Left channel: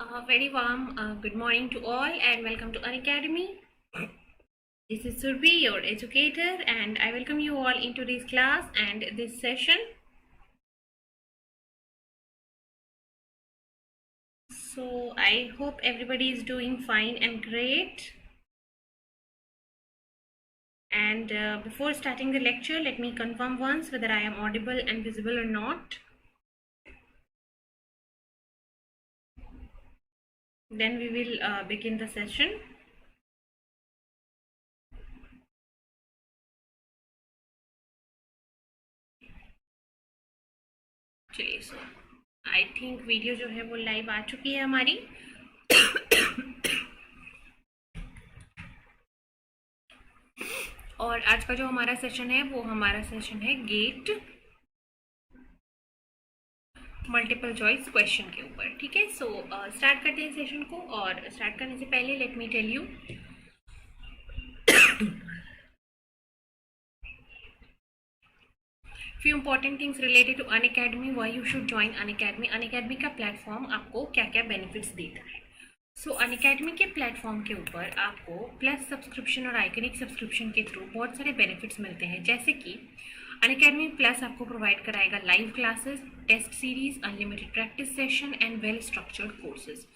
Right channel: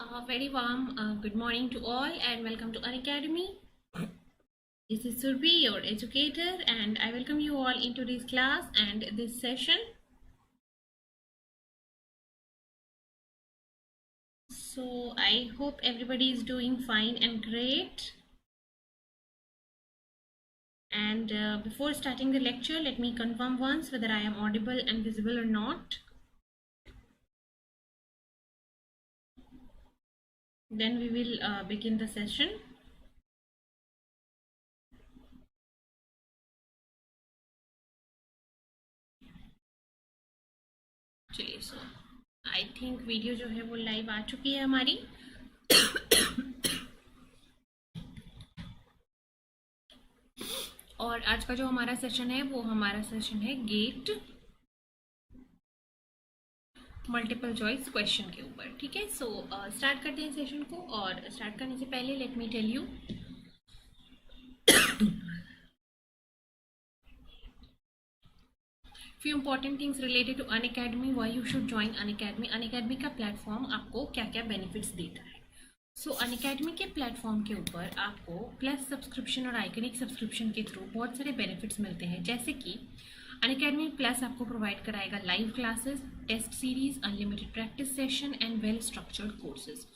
A very warm good morning to all and welcome to Unacademy. This is Surbi, your educator, and I welcome you all into this class and this session. So I hope everybody is doing fine and great. And before starting the lecture, let me confirm once whether I am audible and visible or not. Then we will begin the session. चलिए सो I think video जो है वो live आ चुकी है हमारी. और आज का जो हमारा सेशन है वो हमारा सेशन है गेट मल्टीपल चॉइस क्वेश्चन के ऊपर. ठीक है, सो स्टार्ट करते हैं सेशन को. और स्टार्ट करने से पहले let me tell you few important things related to Unacademy, why you should join Unacademy. Unacademy का प्लेटफॉर्म आपको क्या क्या बेनिफिट्स देता है. सो Unacademy के प्लेटफॉर्म के ऊपर आपको प्लस सब्सक्रिप्शन और आइकनिक सब्सक्रिप्शन के थ्रू बहुत सारे बेनिफिट्स मिलते हैं. जैसे कि Unacademy प्लस आपको प्रोवाइड कराएगा live classes, test series, unlimited practice session and well structured courses.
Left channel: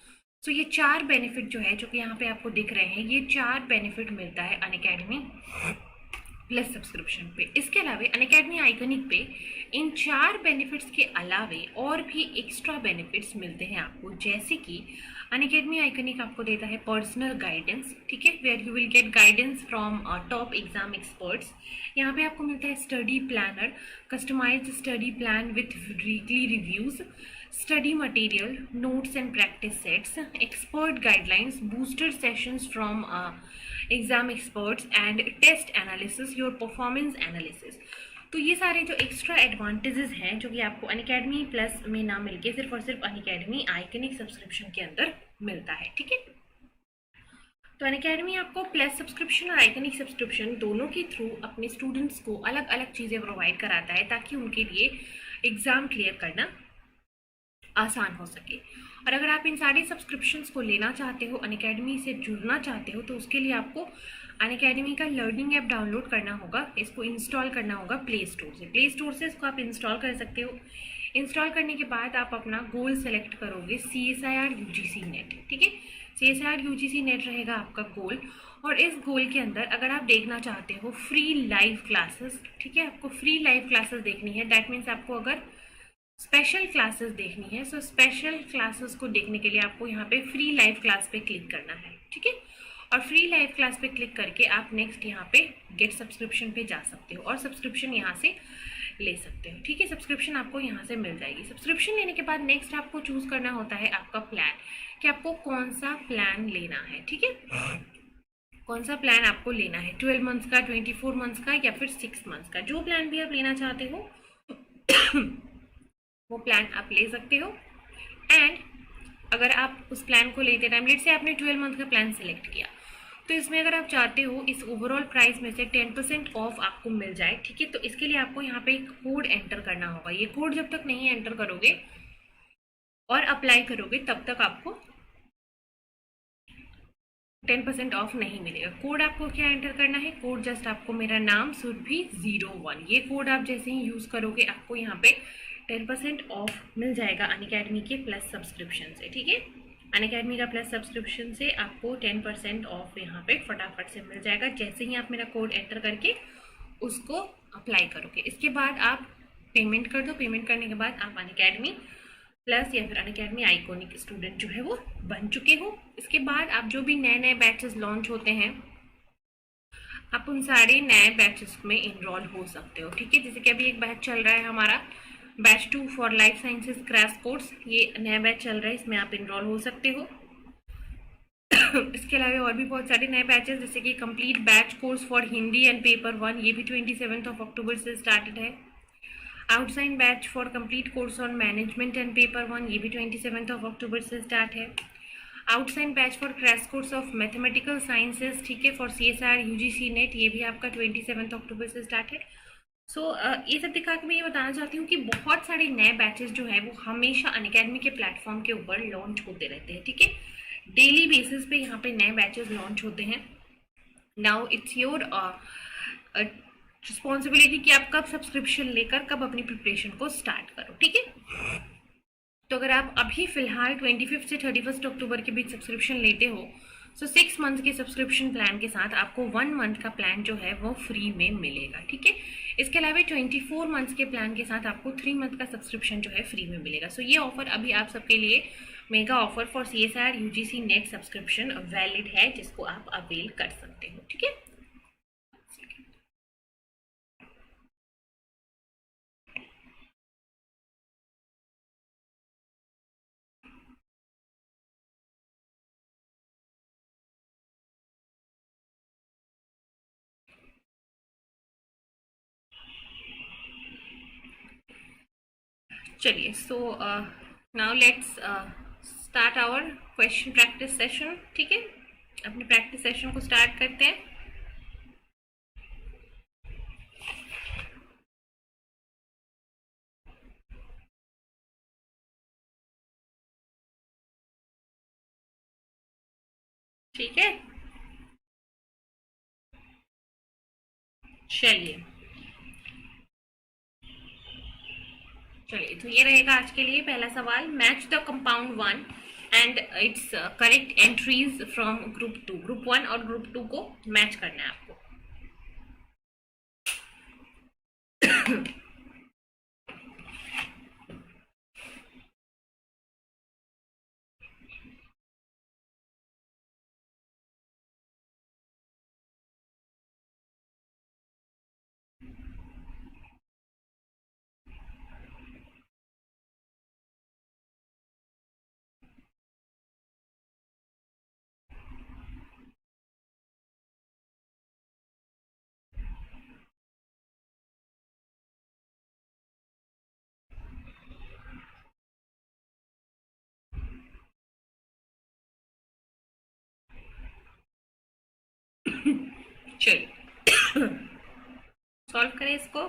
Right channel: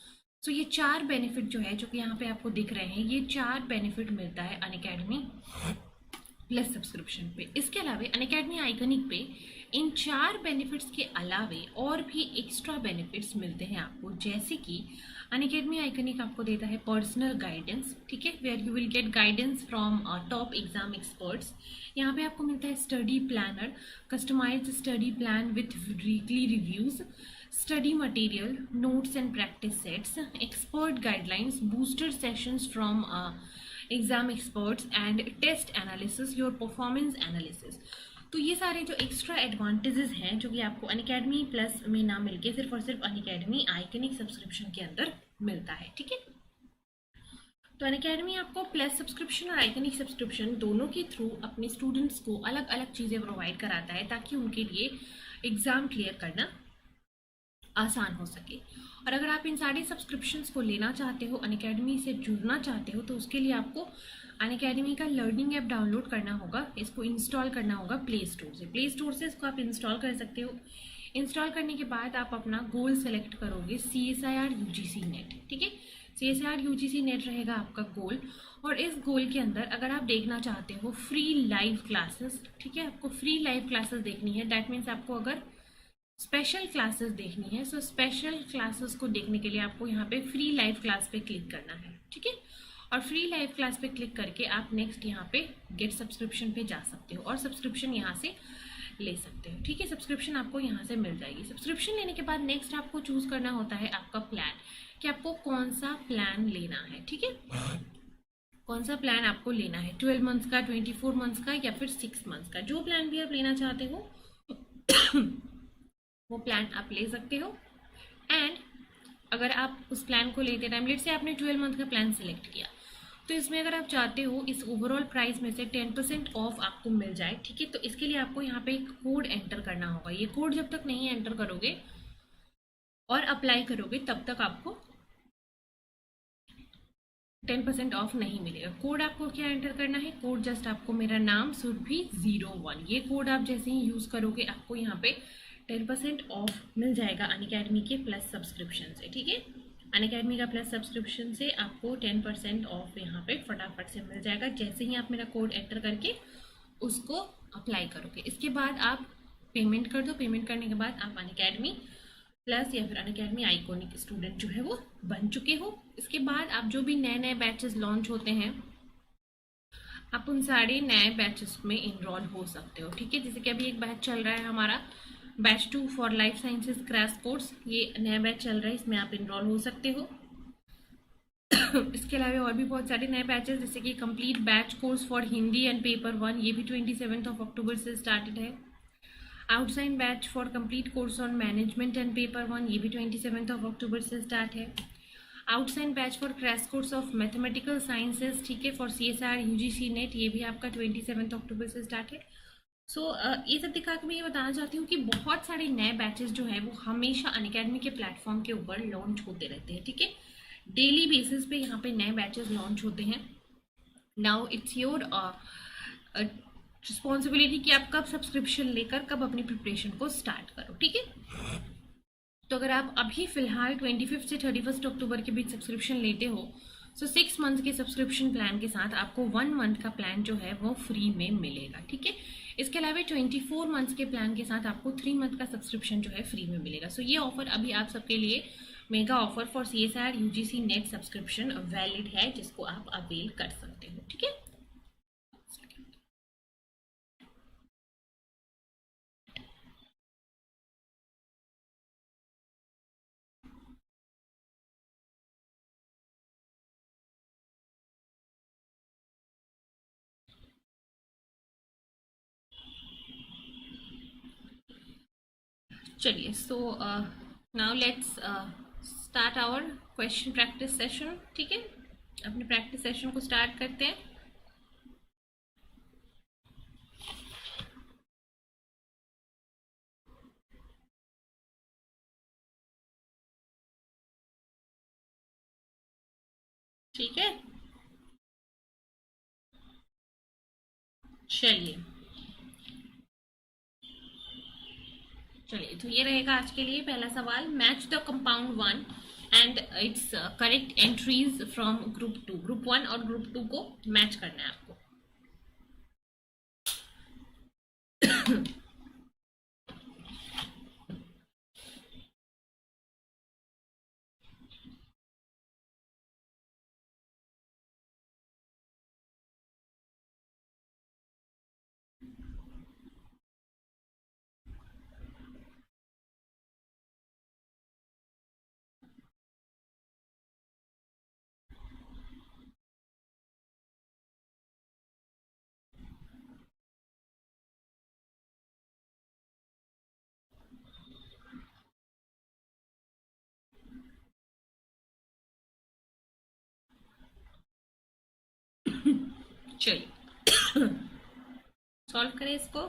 So ये चार बेनिफिट जो है, जो कि यहाँ पे आपको दिख रहे हैं, ये चार बेनिफिट मिलता है Unacademy प्लस सब्सक्रिप्शन पे. इसके अलावा Unacademy आइकनिक पे इन चार बेनिफिट्स के अलावे और भी एक्स्ट्रा बेनिफिट्स मिलते हैं आपको. जैसे कि Unacademy आइकनिक आपको देता है पर्सनल गाइडेंस. ठीक है, where you will get guidance from top exam experts. यहाँ पे आपको मिलता है study planner, customised study plan with weekly reviews, study material, notes and practice sets, expert guidelines, booster sessions from exam experts and test analysis, your performance analysis. तो ये सारे जो extra advantages हैं जो कि आपको Unacademy प्लस में ना मिलके सिर्फ और सिर्फ Unacademy आइकनिक सब्सक्रिप्शन के अंदर मिलता है. ठीक है, तो Unacademy आपको प्लस सब्सक्रिप्शन और आइकनिक सब्सक्रिप्शन दोनों के थ्रू अपने स्टूडेंट्स को अलग अलग चीज़ें प्रोवाइड कराता है ताकि उनके लिए एग्ज़ाम क्लियर करना आसान हो सके. और अगर आप इन सारे सब्सक्रिप्शंस को लेना चाहते हो, Unacademy से जुड़ना चाहते हो, तो उसके लिए आपको Unacademy का लर्निंग ऐप डाउनलोड करना होगा. इसको इंस्टॉल करना होगा प्ले स्टोर से. प्ले स्टोर से इसको आप इंस्टॉल कर सकते हो. इंस्टॉल करने के बाद आप अपना गोल सेलेक्ट करोगे CSIR UGC नेट. ठीक है, CSIR UGC नेट रहेगा आपका गोल. और इस गोल के अंदर अगर आप देखना चाहते हो फ्री लाइव क्लासेस, ठीक है, आपको फ्री लाइव क्लासेस देखनी है. दैट मीन्स आपको अगर स्पेशल क्लासेस देखनी है, सो स्पेशल क्लासेस को देखने के लिए आपको यहाँ पे फ्री लाइव क्लास पे क्लिक करना है. ठीक है, और फ्री लाइव क्लास पे क्लिक करके आप नेक्स्ट यहाँ पे गेट सब्सक्रिप्शन पे जा सकते हो और सब्सक्रिप्शन यहाँ से ले सकते हो. ठीक है, सब्सक्रिप्शन आपको यहाँ से मिल जाएगी. सब्सक्रिप्शन लेने के बाद नेक्स्ट आपको चूज करना होता है आपका प्लान, कि आपको कौन सा प्लान लेना है. ठीक है, कौन सा प्लान आपको लेना है, 12 मंथ्स का, 24 मंथ्स का या फिर 6 मंथ्स का. जो प्लान भी आप लेना चाहते हो वो प्लान आप ले सकते हो. एंड अगर आप उस प्लान को लेते टाइम, लेट से आपने 12 मंथ का प्लान सेलेक्ट किया, तो इसमें अगर आप चाहते हो इस ओवरऑल प्राइस में से 10% ऑफ आपको मिल जाए. ठीक है, तो इसके लिए आपको यहाँ पे एक कोड एंटर करना होगा. ये कोड जब तक नहीं एंटर करोगे और अप्लाई करोगे तब तक आपको 10% ऑफ नहीं मिलेगा. कोड आपको क्या एंटर करना है, कोड जस्ट आपको मेरा नाम सुरभि 01, ये कोड आप जैसे ही यूज़ करोगे आपको यहाँ पे 10% ऑफ मिल जाएगा Unacademy के प्लस सब्सक्रिप्शन से. ठीक है, Unacademy का प्लस सब्सक्रिप्शन से आपको 10% ऑफ यहाँ पे फटाफट से मिल जाएगा जैसे ही आप मेरा कोड एंटर करके उसको अप्लाई करोगे. इसके बाद आप पेमेंट कर दो. पेमेंट करने के बाद आप Unacademy प्लस या फिर Unacademy आइकॉनिक स्टूडेंट जो है वो बन चुके हो. इसके बाद आप जो भी नए नए बैचेस लॉन्च होते हैं आप उन सारे नए बैचेस में इनरोल हो सकते हो. ठीक है, जैसे कि अभी एक बैच चल रहा है हमारा batch 2 for life sciences crash course, ये नया बैच चल रहा है, इसमें आप इनरोल हो सकते हो. इसके अलावा और भी बहुत सारे नए बैचेस जैसे कि complete batch course for Hindi and paper 1, ये भी 27 अक्टूबर से स्टार्टेड है. Outside batch for complete course on management and paper 1, ये भी 27 अक्टूबर से स्टार्ट है. Outside batch for crash course of mathematical sciences, ठीक है, फॉर CSIR UGC नेट, ये भी आपका 27 अक्टूबर से स्टार्ट है. सो ये सब दिखा के मैं ये बताना चाहती हूँ कि बहुत सारे नए बैचेस जो है वो हमेशा अनअकैडमी के प्लेटफॉर्म के ऊपर लॉन्च होते रहते हैं, ठीक है। डेली बेसिस पे यहाँ पे नए बैचेस लॉन्च होते हैं। नाउ इट्स योर रिस्पॉन्सिबिलिटी कि आप कब सब्सक्रिप्शन लेकर कब अपनी प्रिपरेशन को स्टार्ट करो, ठीक है। तो अगर आप अभी फिलहाल 25 से 31 अक्टूबर के बीच सब्सक्रिप्शन लेते हो, सो 6 मंथ के सब्सक्रिप्शन प्लान के साथ आपको 1 मंथ का प्लान जो है वो फ्री में मिलेगा, ठीक है। इसके अलावा 24 मंथ्स के प्लान के साथ आपको 3 मंथ का सब्सक्रिप्शन जो है फ्री में मिलेगा। सो ये ऑफर अभी आप सबके लिए mega offer for CSIR UGC net subscription valid है, जिसको आप अवेल कर सकते हो, ठीक है। चलिए, so now let's start our question practice session, ठीक है। अपने प्रैक्टिस सेशन को स्टार्ट करते हैं। ठीक है, चलिए चलिए, तो ये रहेगा आज के लिए पहला सवाल। Match the compound 1 and it's correct entries from group 2। Group 1 और ग्रुप 2 को मैच करना है आपको। चलिए सॉल्व करें इसको।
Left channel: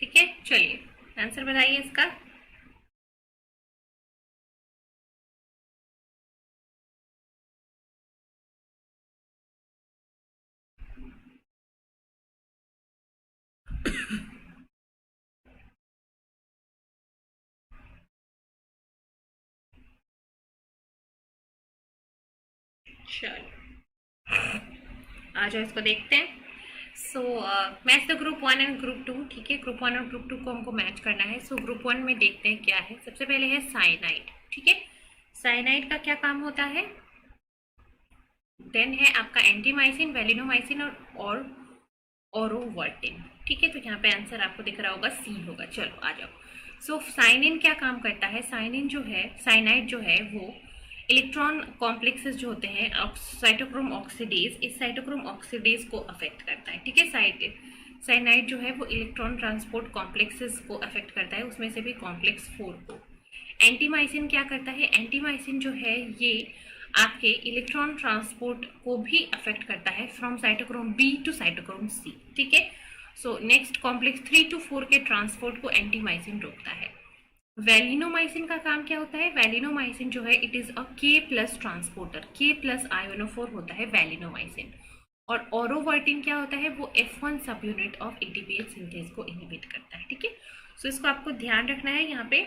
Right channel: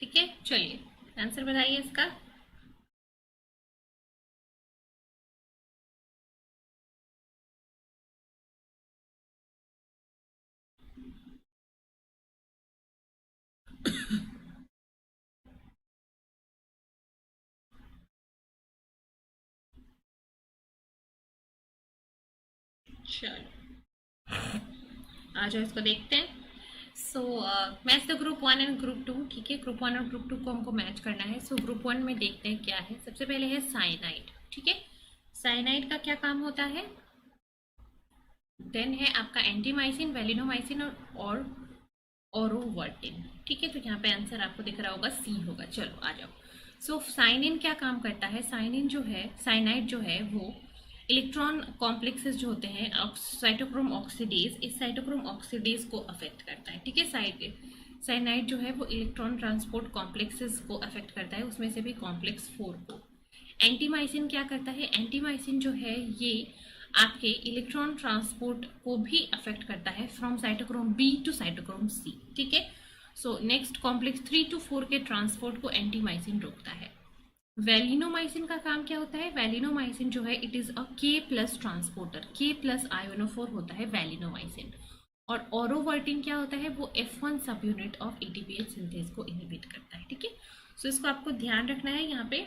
ठीक है, चलिए आंसर बताइए इसका। चलो आ जाओ, इसको देखते हैं। So match the group 1 and group 2, ठीक है। ग्रुप 1 और ग्रुप 2 को हमको मैच करना है। सो ग्रुप 1 में देखते हैं क्या है। सबसे पहले है साइनाइड, ठीक है। साइनाइड का क्या काम होता है? देन है आपका एंटीमाइसिन, वेलिनोमाइसिन और ओरोवर्टिन, ठीक है। तो यहाँ पे आंसर आपको दिख रहा होगा, सी होगा। चलो आ जाओ। सो साइनिन क्या काम करता है? साइनिन जो है, साइनाइड जो है वो इलेक्ट्रॉन कॉम्प्लेक्सेस जो होते हैं साइटोक्रोम ऑक्सीडेज, इस साइटोक्रोम ऑक्सीडेज को अफेक्ट करता है, ठीक है। साइनाइड जो है वो इलेक्ट्रॉन ट्रांसपोर्ट कॉम्प्लेक्सेस को अफेक्ट करता है, उसमें से भी कॉम्प्लेक्स 4 को। एंटीमाइसिन क्या करता है? एंटीमाइसिन जो है ये आपके इलेक्ट्रॉन ट्रांसपोर्ट को भी अफेक्ट करता है from cytochrome B to cytochrome C, ठीक है। सो नेक्स्ट कॉम्प्लेक्स 3 to 4 के ट्रांसपोर्ट को एंटीमाइसिन रोकता है। वेलिनोमाइसिन का काम क्या होता है? वेलिनोमाइसिन जो है it is a K+ transporter, K+ आयोनोफोर होता है वेलिनोमाइसिन। और ओरोवर्टिन क्या होता है, वो F1 सब यूनिट ऑफ एटीपीएच सिंथेस को इनहिबिट करता है, ठीक है। सो इसको आपको ध्यान रखना है यहाँ पे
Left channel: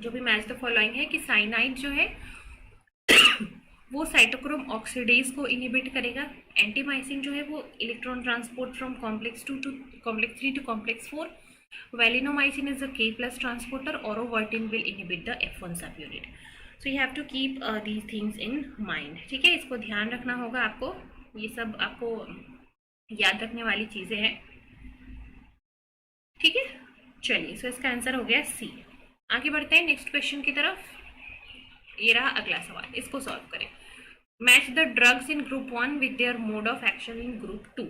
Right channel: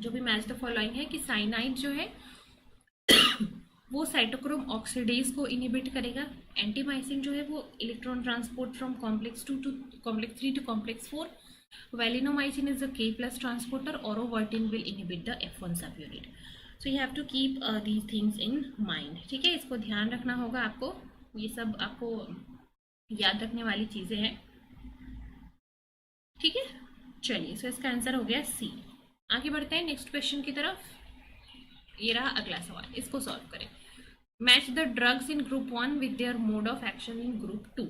जो भी मैच द फॉलोइंग है कि साइनाइड जो है वो साइटोक्रोम ऑक्सीडेज को इनहिबिट करेगा, एंटीमाइसिन जो है वो electron transport from complex 2 to complex 3 to complex 4, valinomycin is the K plus transporter, aurovertin will inhibit the F1 subunit. So you have to keep these things in mind, ठीक है, इसको ध्यान रखना होगा आपको, ये सब आपको याद रखने वाली चीजें हैं, ठीक है। चलिए, सो इसका आंसर हो गया सी। आगे बढ़ते हैं नेक्स्ट क्वेश्चन की तरफ। ये रहा अगला सवाल, इसको सॉल्व करें। Match the drugs in group 1 with there mode of action in group 2।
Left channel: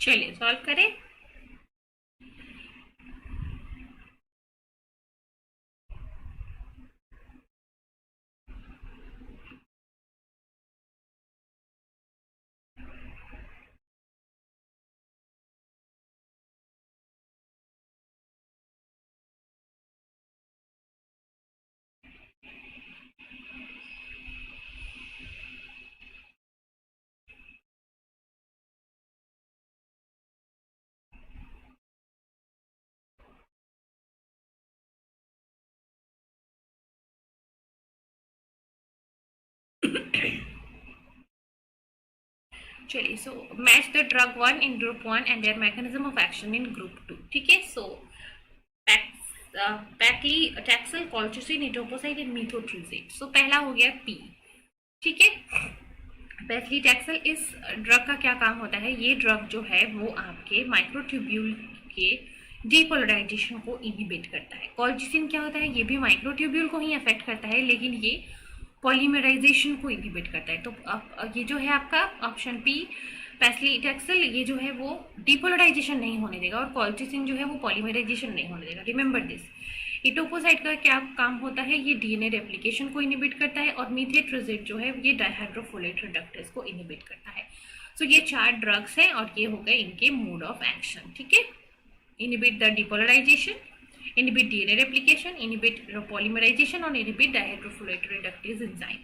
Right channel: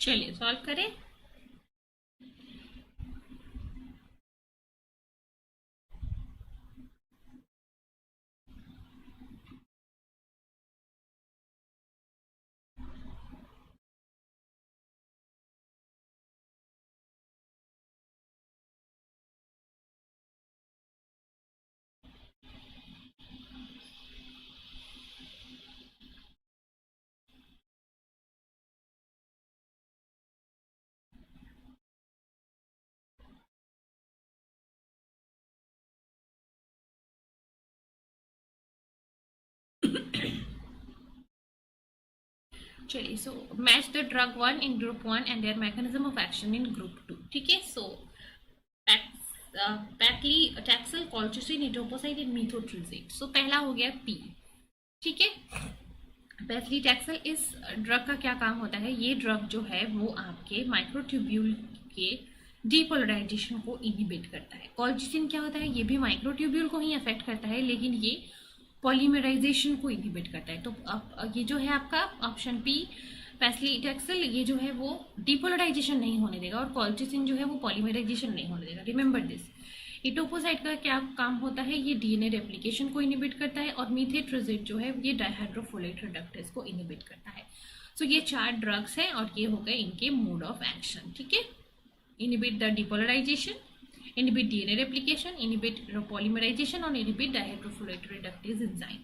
चलिए सॉल्व करें। चलिए, so match the drug 1 in group 1 and there mechanism of action in group 2, ठीक है। सो पैक्लीटैक्सल, कॉल्चिसिन, इटोपोसाइड एंड मीथोट्रिजेट। सो पहला हो गया पी, ठीक है। पैक्लीटैक्सल, इस ड्रग का क्या काम होता है, ये ड्रग जो है वो आपके माइक्रोट्यूब्यूल के डीपोलराइजेशन को इनहिबिट करता है। कॉल्चिसिन क्या होता है, ये भी माइक्रोट्यूब्यूल को ही अफेक्ट करता है, लेकिन ये पॉलीमराइजेशन को इनहिबिट करता है। तो अब ये जो है आपका ऑप्शन पी पैक्लीटैक्सल, ये जो है वो डिपोलराइजेशन नहीं होने देगा, और कॉल्चिसिन जो है वो पॉलीमराइजेशन नहीं होने देगा। Remember this. इटोपोसाइड का क्या काम होता है, ये डीएनए रेप्लिकेशन को इनहिबिट करता है, और मीथेट्रोजेट जो है ये डाइहाइड्रोफोलेट रिडक्टेज को इनहिबिट करता है। सो ये 4 ड्रग्स हैं और ये हो गए इनके मोड ऑफ एक्शन, ठीक है। Inhibit the depolarisation, inhibit DNA replication, inhibit polymerization और inhibit dihydrofolate reductase enzyme,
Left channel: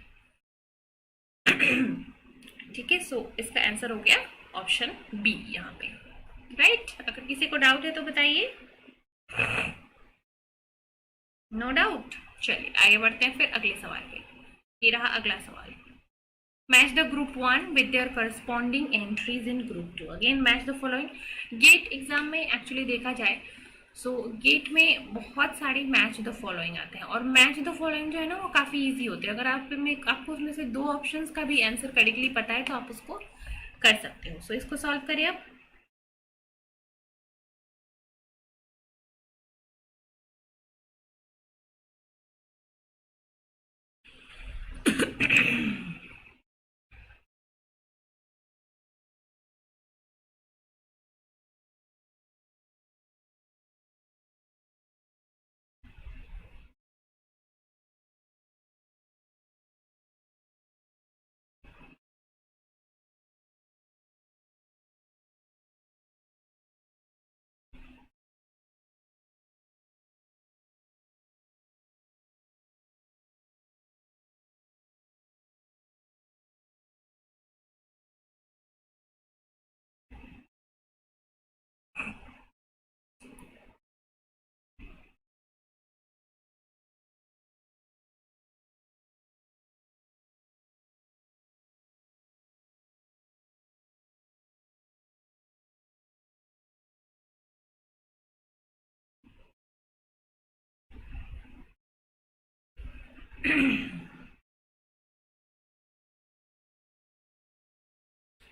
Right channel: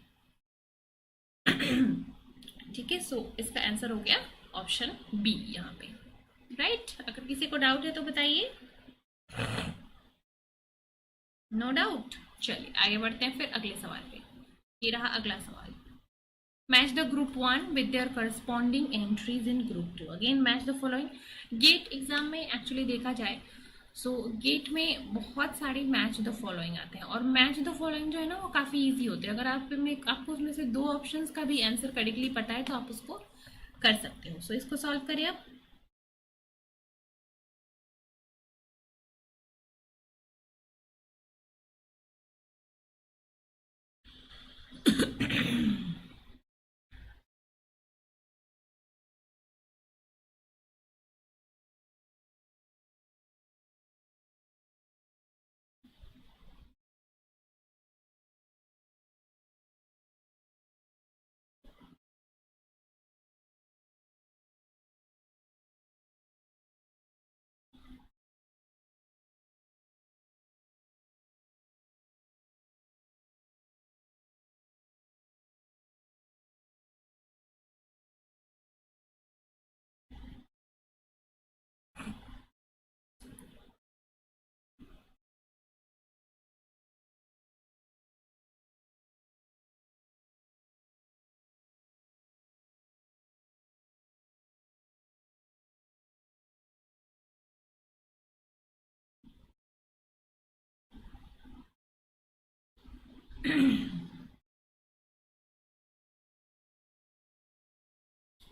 ठीक है। सो इसका आंसर हो गया ऑप्शन बी यहाँ पे, राइट। अगर किसी को डाउट है तो बताइए। No doubt. चलिए आगे बढ़ते हैं फिर अगले सवाल पे। ये रहा अगला सवाल। Match the group 1 with their corresponding entries in group 2। Again match the following. GATE exam में एक्चुअली देखा जाए सो गेट में बहुत सारे मैच द फॉलोइंग आते हैं, और मैच द फॉलोइंग जो है ना वो काफ़ी इजी होते हैं। अगर आपको उसमें से 2 ऑप्शंस का भी आंसर करेक्टली पता है तो आप उसको कर सकते हो। सो इसको सॉल्व करिए अब।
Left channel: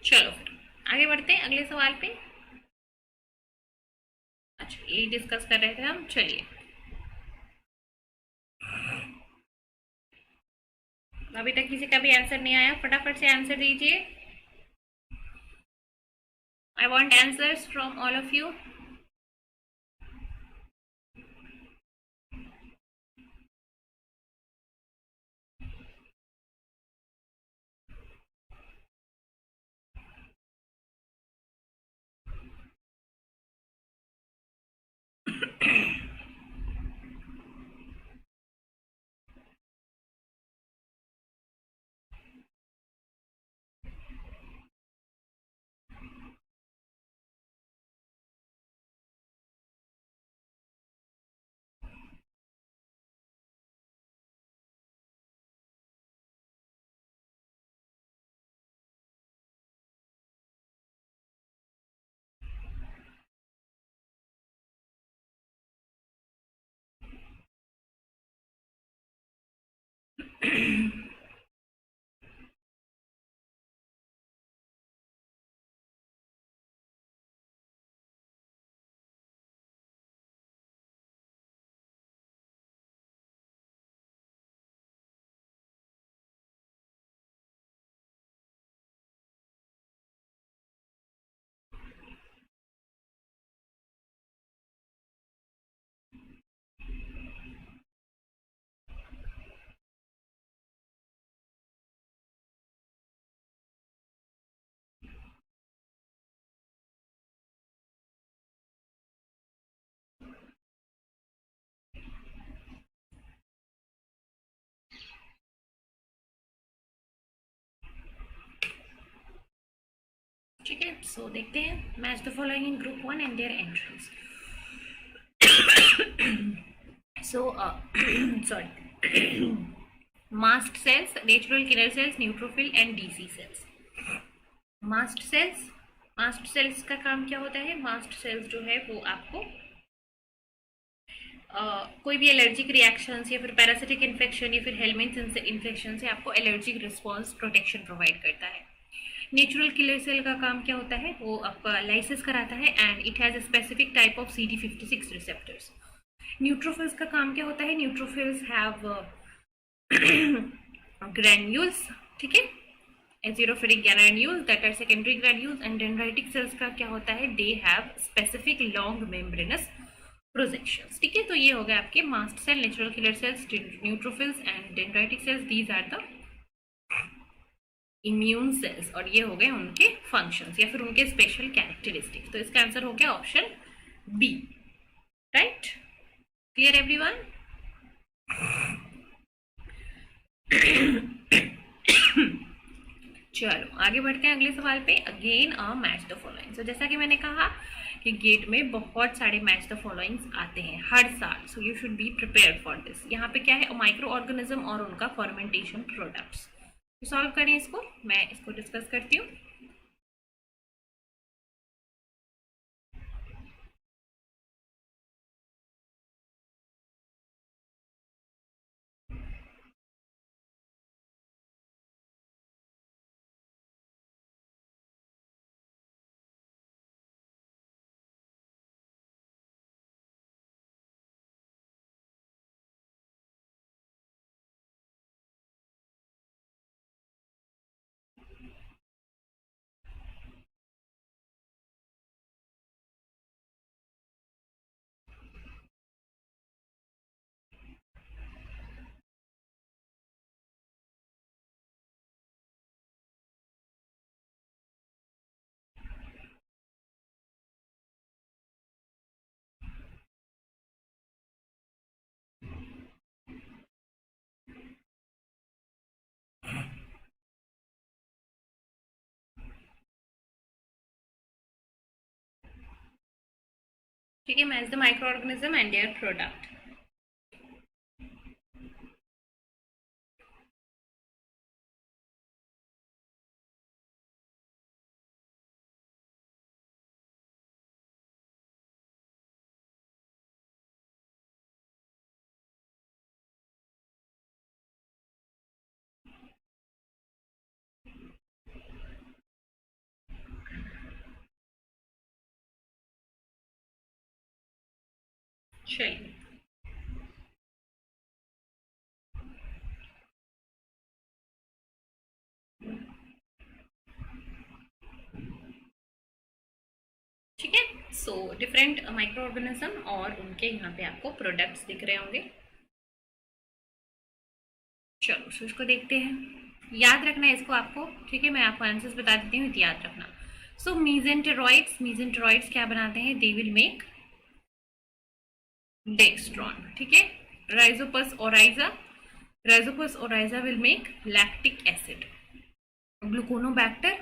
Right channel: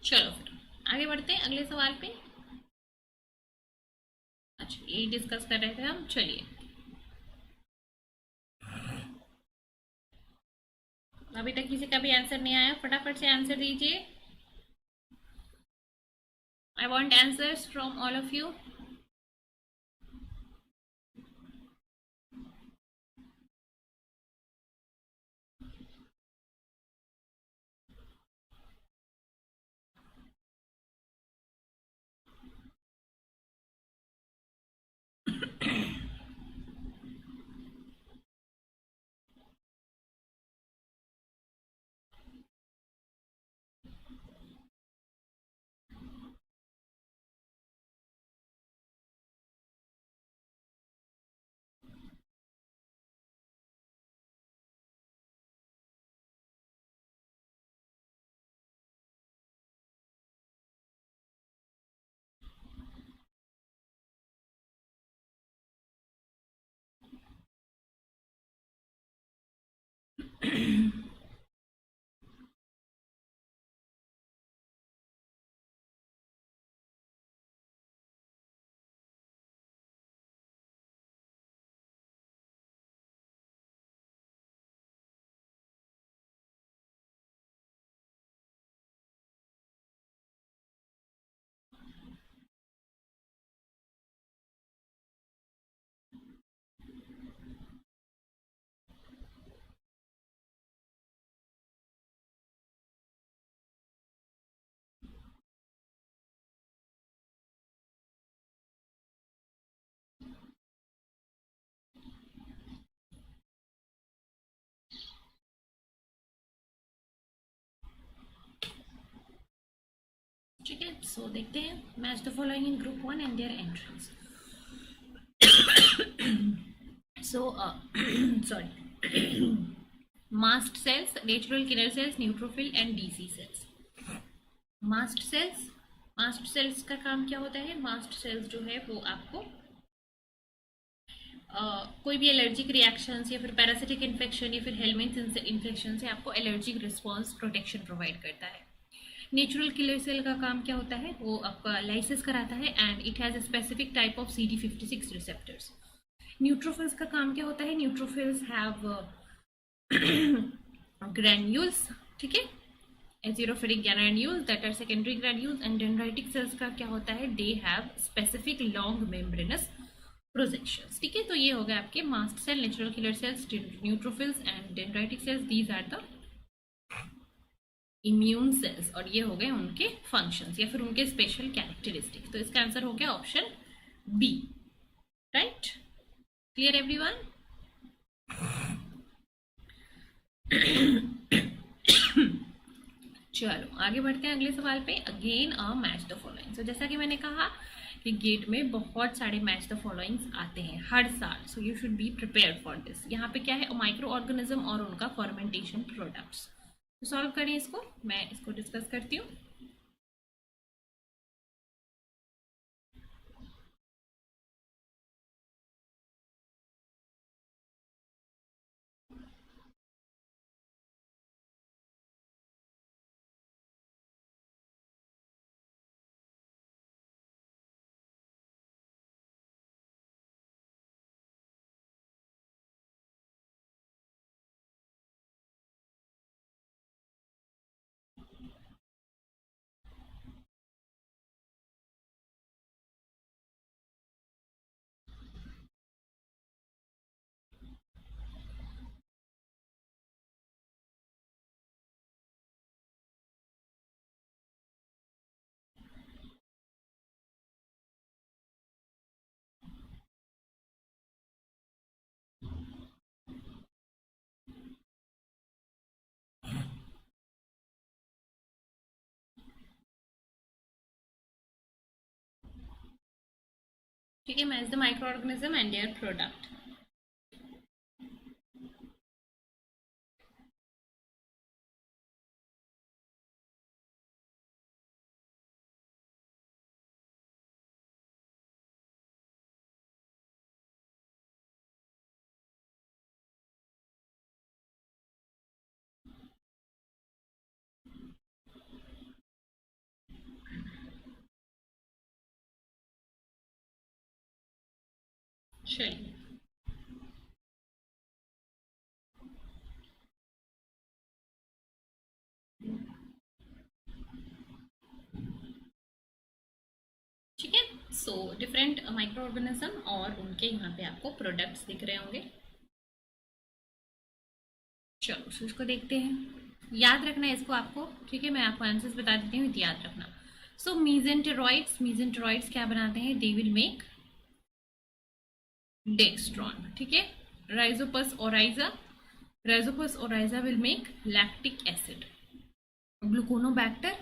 चलो फिर आगे बढ़ते हैं अगले सवाल पे। अच्छा, यही डिस्कस कर रहे थे हम, चलिए। अभी तक किसी का भी आंसर नहीं आया, फटाफट से आंसर दीजिए। I want answers from all of you. ठीक है, सो देखते हैं। Match the following in group one and their entries. So sorry, mast cells, natural killer cells, neutrophil and DC cells. Mast cells, mast cells का काम क्या होता है? Mast cells जो है वो आपको कोई भी एलर्जिक रिएक्शंस या फिर पैरासिटिक इन्फेक्शन या फिर हेलमेंथ इन्फेक्शन से आपको एलर्जिक रिस्पॉन्स प्रोटेक्शन प्रोवाइड करता है। नेचुरल किलर सेल का काम क्या होता है? वो आपका लाइसिस कराता है and it has a specific type of CD56 receptors. Neutrophils का काम क्या होता है? न्यूट्रोफिल्स हैव ग्रैन्यूल्स, ठीक है, azurophilic granules that are secondary granules. And dendritic cells का क्या होता है? They have specific long membranous projections. ठीक है, तो ये हो गए आपके mast cell, natural killer cells, neutrophils and dendritic cells. These are the immune cells, और ये हो गए उनके फंक्शंस या फिर उनके स्पेशल कैरेक्टरिस्टिक्स। तो इसका आंसर हो गया option B. Right, clear everyone? चलो आगे बढ़ते हैं अगले सवाल पे। Again a match the following. So जैसा कि मैंने कहा कि गेट में बहुत सारे मैच द फॉलोइंग्स आते हैं हर साल, so you should be prepared for this. यहाँ पे क्या है? माइक्रो ऑर्गेनिज्म और उनका फर्मेंटेशन प्रोडक्ट्स। तो सॉल्व करें इसको, मैं इसको डिस्कस करती हूँ। ठीक है, match the micro organism and their product. चलिए, ठीक है। सो डिफरेंट माइक्रो ऑर्गेनिज्म और उनके यहाँ पे आपको प्रोडक्ट्स दिख रहे होंगे। चलो, सो इसको देखते हैं। याद रखना है इसको आपको, ठीक है। मैं आपको आंसर्स बता देती हूँ, याद रखना। सो मीजेंटेरॉइड्स क्या बनाते हैं? दे विल मेक डेक्स्ट्रॉन, ठीक है। Rhizopus oryzae will make lactic acid. Gluconobacter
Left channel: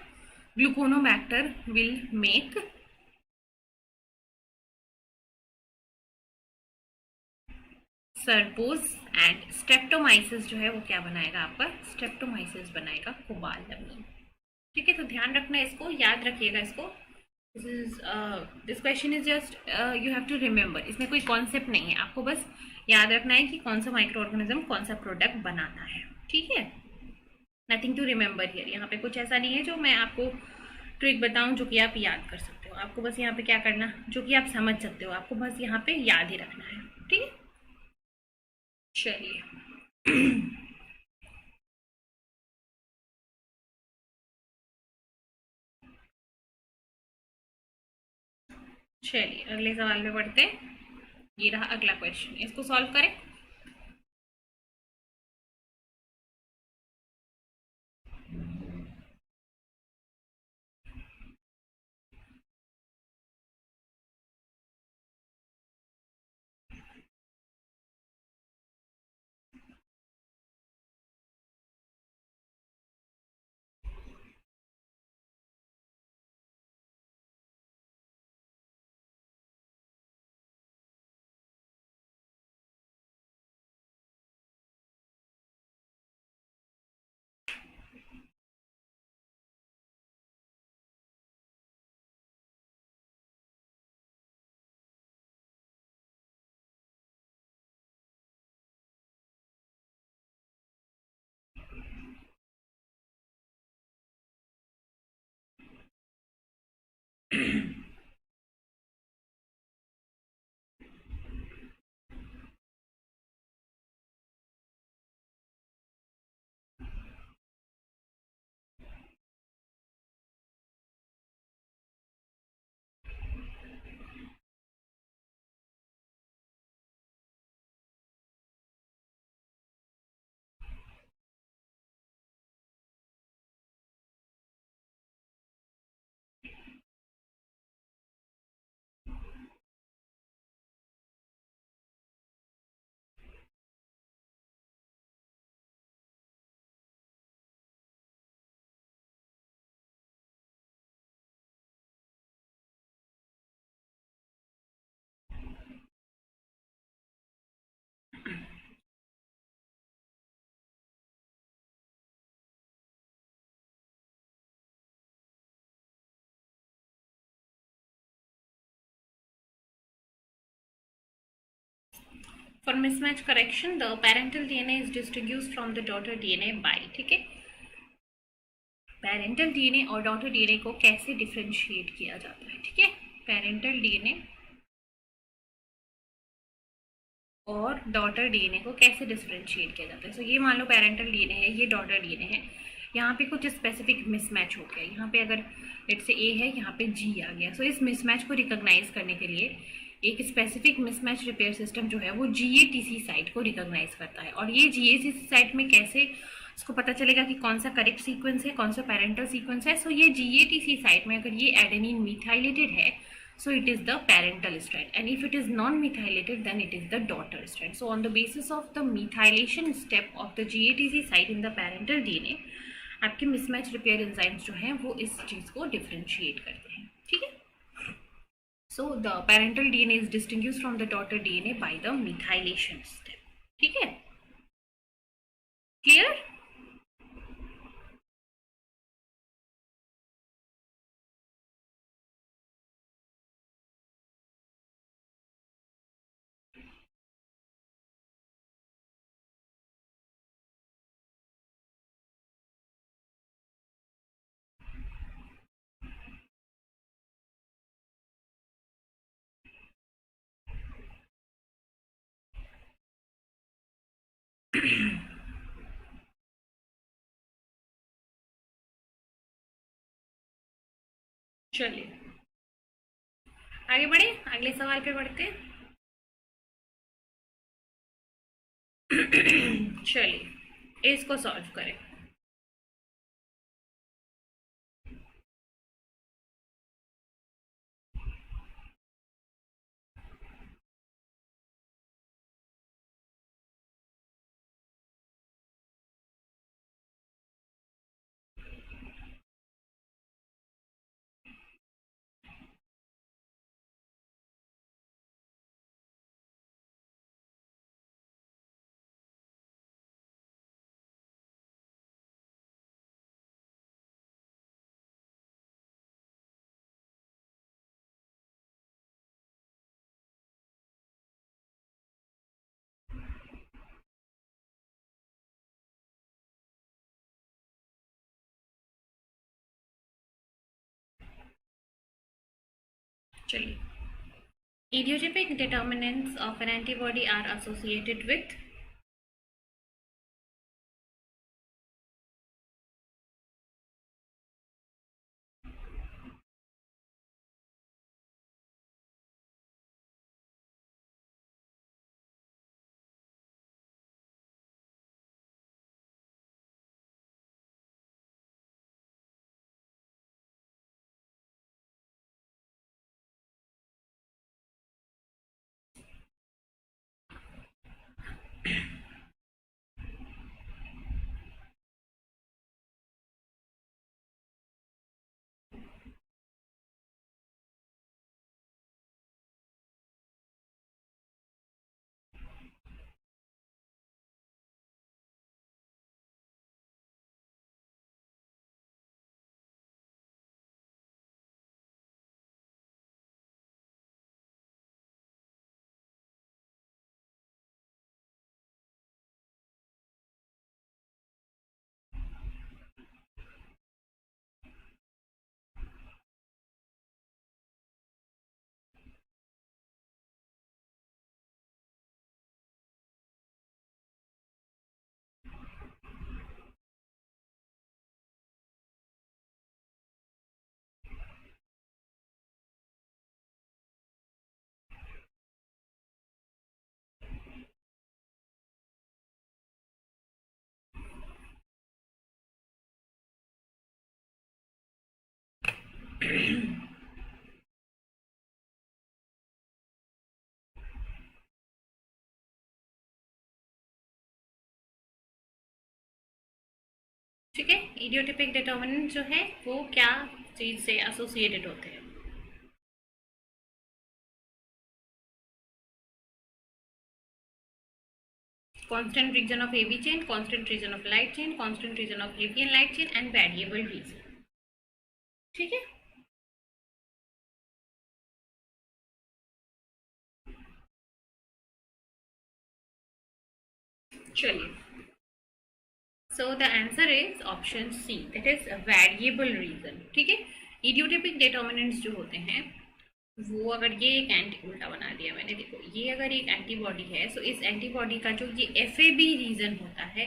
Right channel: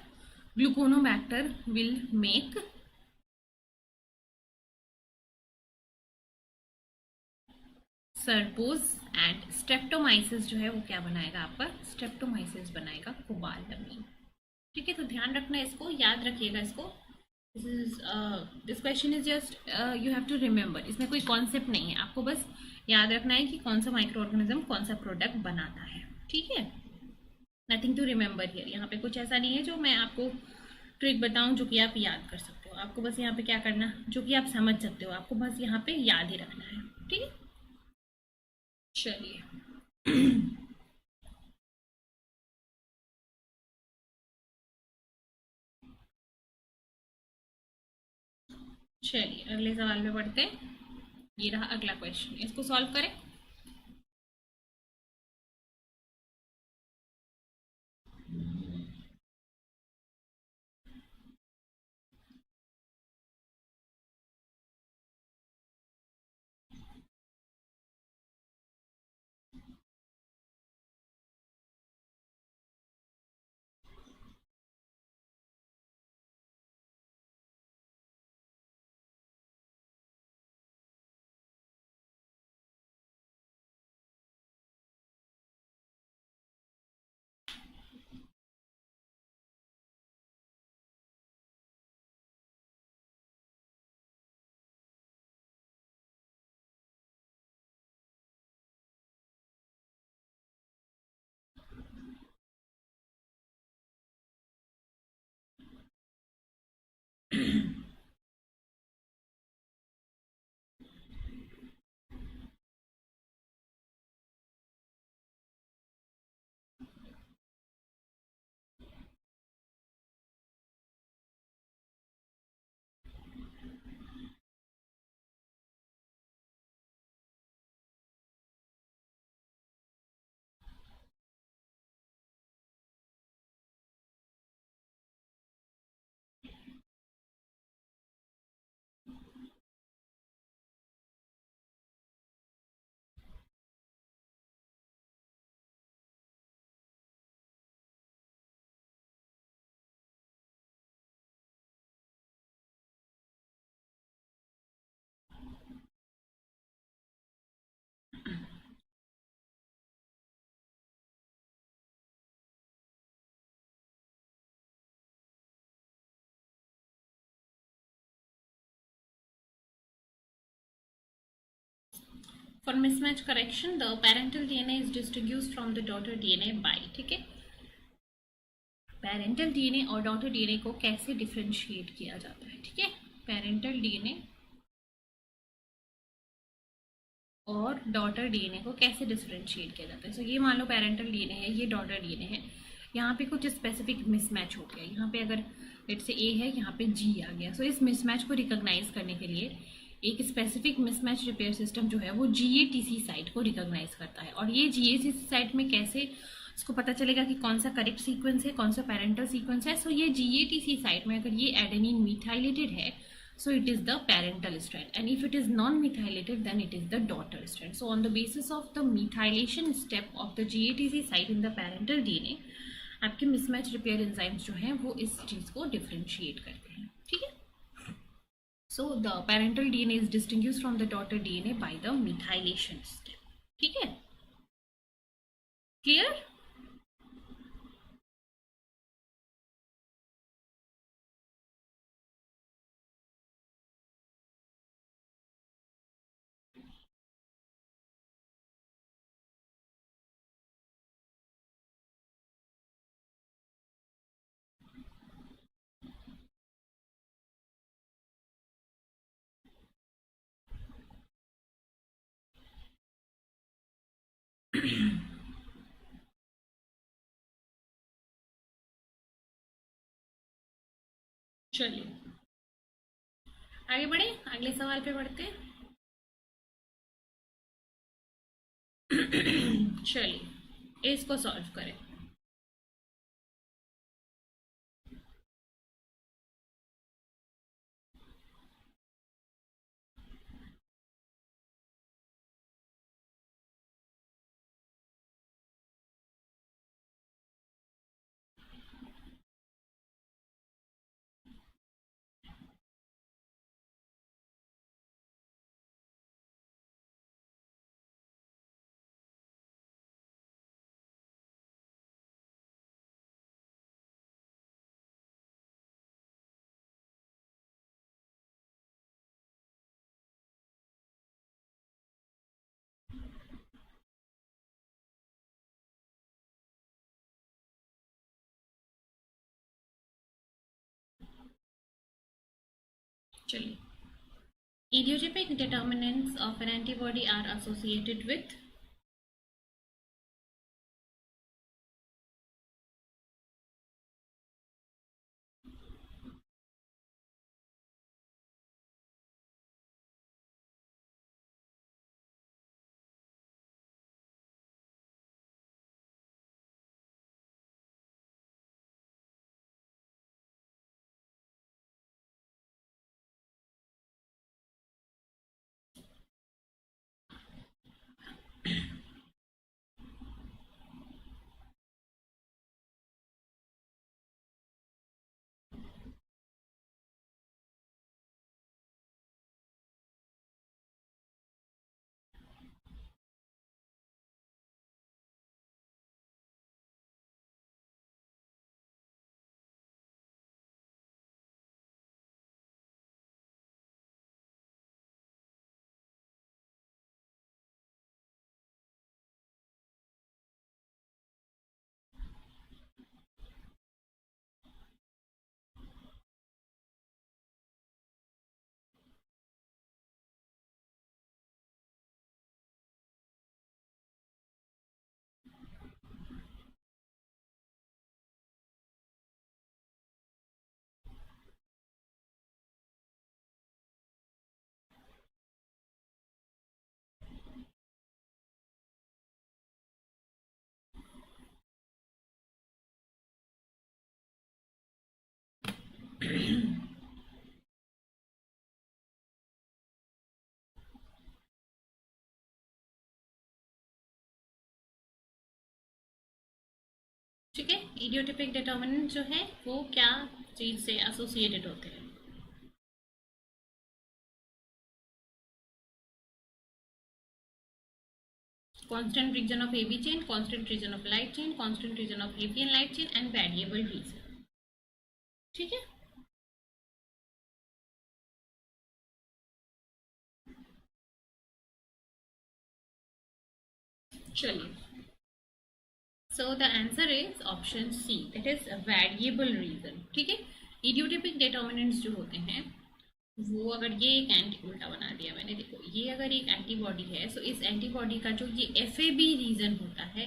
Gluconobacter will make sorbose. And Streptomyces जो है वो क्या बनाएगा? आपका स्ट्रेप्टोमाइसिस बनाएगा कोबालमिन, ठीक है। तो ध्यान रखना है इसको, याद रखिएगा इसको। This question is just you have to remember, इसमें कोई कॉन्सेप्ट नहीं है, आपको बस याद रखना है कि कौन सा माइक्रो ऑर्गेनिज्म कौन सा प्रोडक्ट बनाता है, ठीक है। नथिंग टू रिमेंबर हियर, यहाँ पे कुछ ऐसा नहीं है जो मैं आपको ट्रिक बताऊं जो कि आप याद कर सकते हो। आपको बस यहाँ पे क्या करना, जो कि आप समझ सकते हो, आपको बस यहाँ पे याद ही रखना है, ठीक है। चलिए चलिए अगले सवाल पे बढ़ते हैं। ये रहा अगला क्वेश्चन, इसको सॉल्व करें। For mismatch correction the parental DNA is distinguished from the daughter DNA by, ठीक है। पेरेंटल डीएनए और डॉटर डीएनए को कैसे डिफरेंशिएट किया जाता है, ठीक है। पेरेंटल डीएनए और डॉटर डीएनए को कैसे डिफरेंशिएट किया जाता है। सो ये मान लो पेरेंटल डीएनए है, ये डॉटर डीएनए है। यहाँ पे कुछ स्पेसिफिक मिसमैच हो गया, यहाँ पे अगर लेट से ए है, यहाँ पे जी आ गया। सो इस मिसमैच को रिकॉग्नाइज करने के लिए एक स्पेसिफिक मिसमैच रिपेयर सिस्टम जो है वो जीएटीसी साइट को रिकॉग्नाइज करता है। और ये जीएटीसी साइट में कैसे इसको पता चलेगा कि कौन सा करेक्ट सीक्वेंस है, कौन सा पेरेंटल सीक्वेंस है। सो ये जीएटीसी साइट में अगर ये एडेनिन मिथाइलेटेड है, so it is the parental strand, and if it is non-methylated then it is the daughter strand. So on the basis of the methylation step of the GATC site in the parental DNA, आपके mismatch repair enzymes जो हैं वो इस चीज को differentiate करते हैं, ठीक है। So the parental DNA is distinguished from the daughter DNA by the methylation step, ठीक है। क्लियर? चलिए आगे बढ़े, अगले सवाल पे बढ़ते हैं। चलिए इसको सॉल्व करें। चलिए, idiotypic determinants of an antibody are associated with ठीक है, इडियोटिपिक डिटर्मिनेंट जो है वो क्या चीज से एसोसिएटेड होते हैं। Constant region of AB chain, constant region of light chain, constant region of AB and light chain and variable region. ठीक है, चलिए, so the answer is option C, that is variable region. ठीक है, इडियोटिपिक determinants जो होते हैं वो, अगर ये एक एंटी, उल्टा बना दिया मैंने, देखो ये अगर एक एंटीबॉडी है, सो इस एंटीबॉडी का जो ये एफएबी रीजन होता है,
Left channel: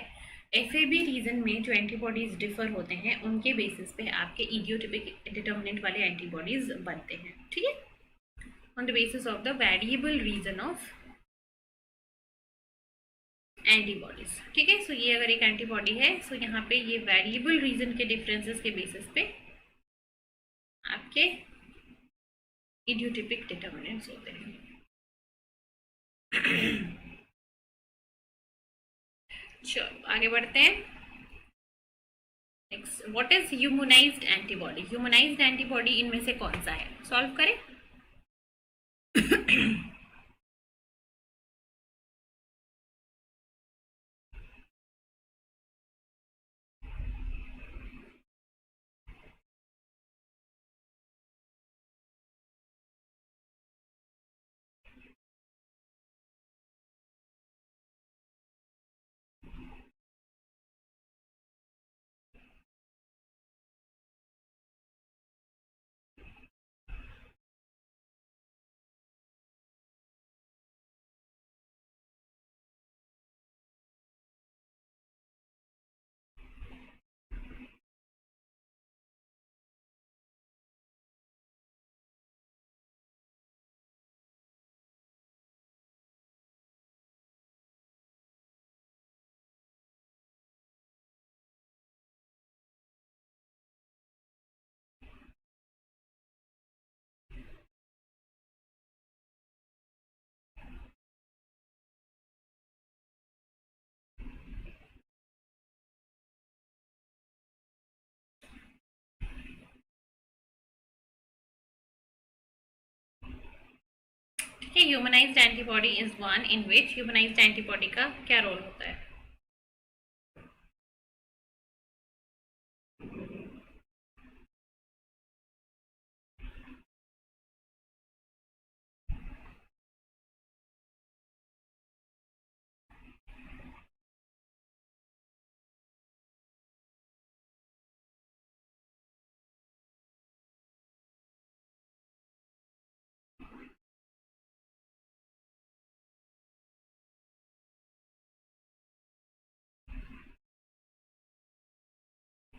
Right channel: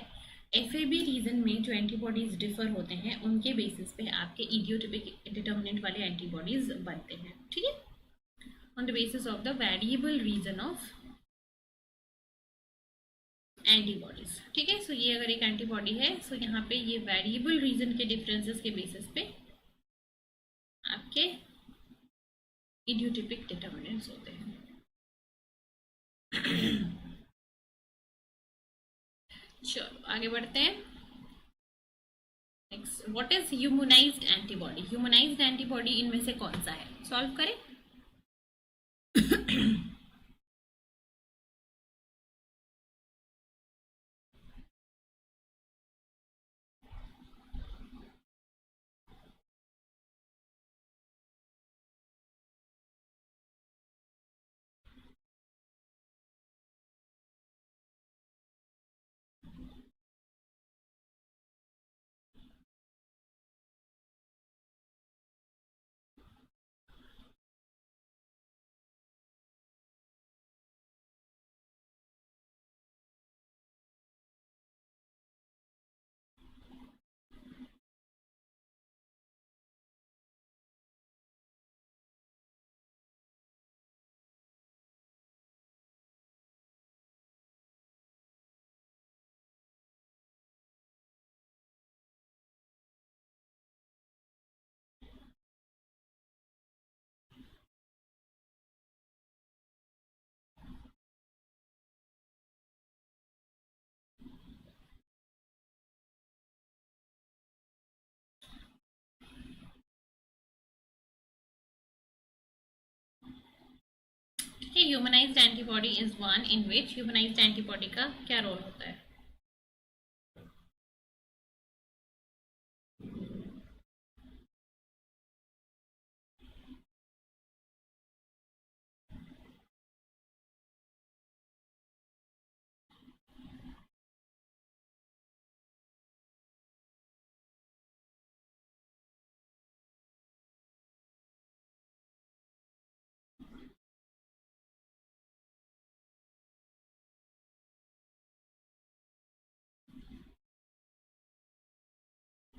एफएबी रीजन में जो एंटीबॉडीज डिफर होते हैं उनके बेसिस पे आपके इडियोटिपिक डिटर्मिनेंट वाले एंटीबॉडीज बनते हैं। ठीक है, on the basis of the variable region of antibodies. ठीक है, सो ये अगर एक एंटीबॉडी है, सो यहाँ पे ये वेरिएबल रीजन के डिफरेंसेस के बेसिस पे आपके इडियोटिपिक डिटर्मिनेंट्स होते हैं। चलो आगे बढ़ते हैं। Next, what is humanised antibody? Humanised antibody इनमें से कौन सा है? सॉल्व करें। ठीक है, humanised antibody is one in which, humanised antibody का क्या रोल होता है?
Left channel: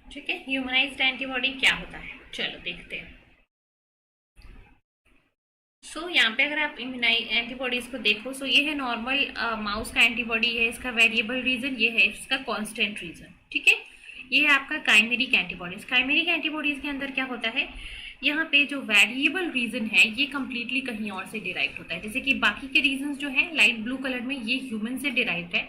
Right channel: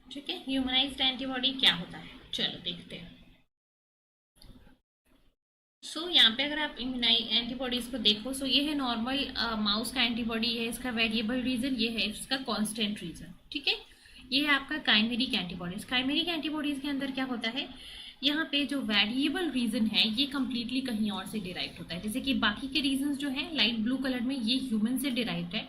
ठीक है, ह्यूमनाइज्ड एंटीबॉडी क्या होता है, चलो देखते हैं। यहाँ पे अगर आप एंटीबॉडीज को देखो, ये है नॉर्मल माउस का एंटीबॉडी है, इसका वेरिएबल रीजन, ये है इसका कांस्टेंट रीजन। ठीक है, ये है आपका काइमेरिक एंटीबॉडीज। काइमेरिक एंटीबॉडीज के अंदर क्या होता है, यहाँ पे जो वेरिएबल रीजन है ये कंप्लीटली कहीं और से डिराइव होता है। जैसे कि बाकी के रीजन जो है लाइट ब्लू कलर में, ये ह्यूमन से डिराइव्ड है,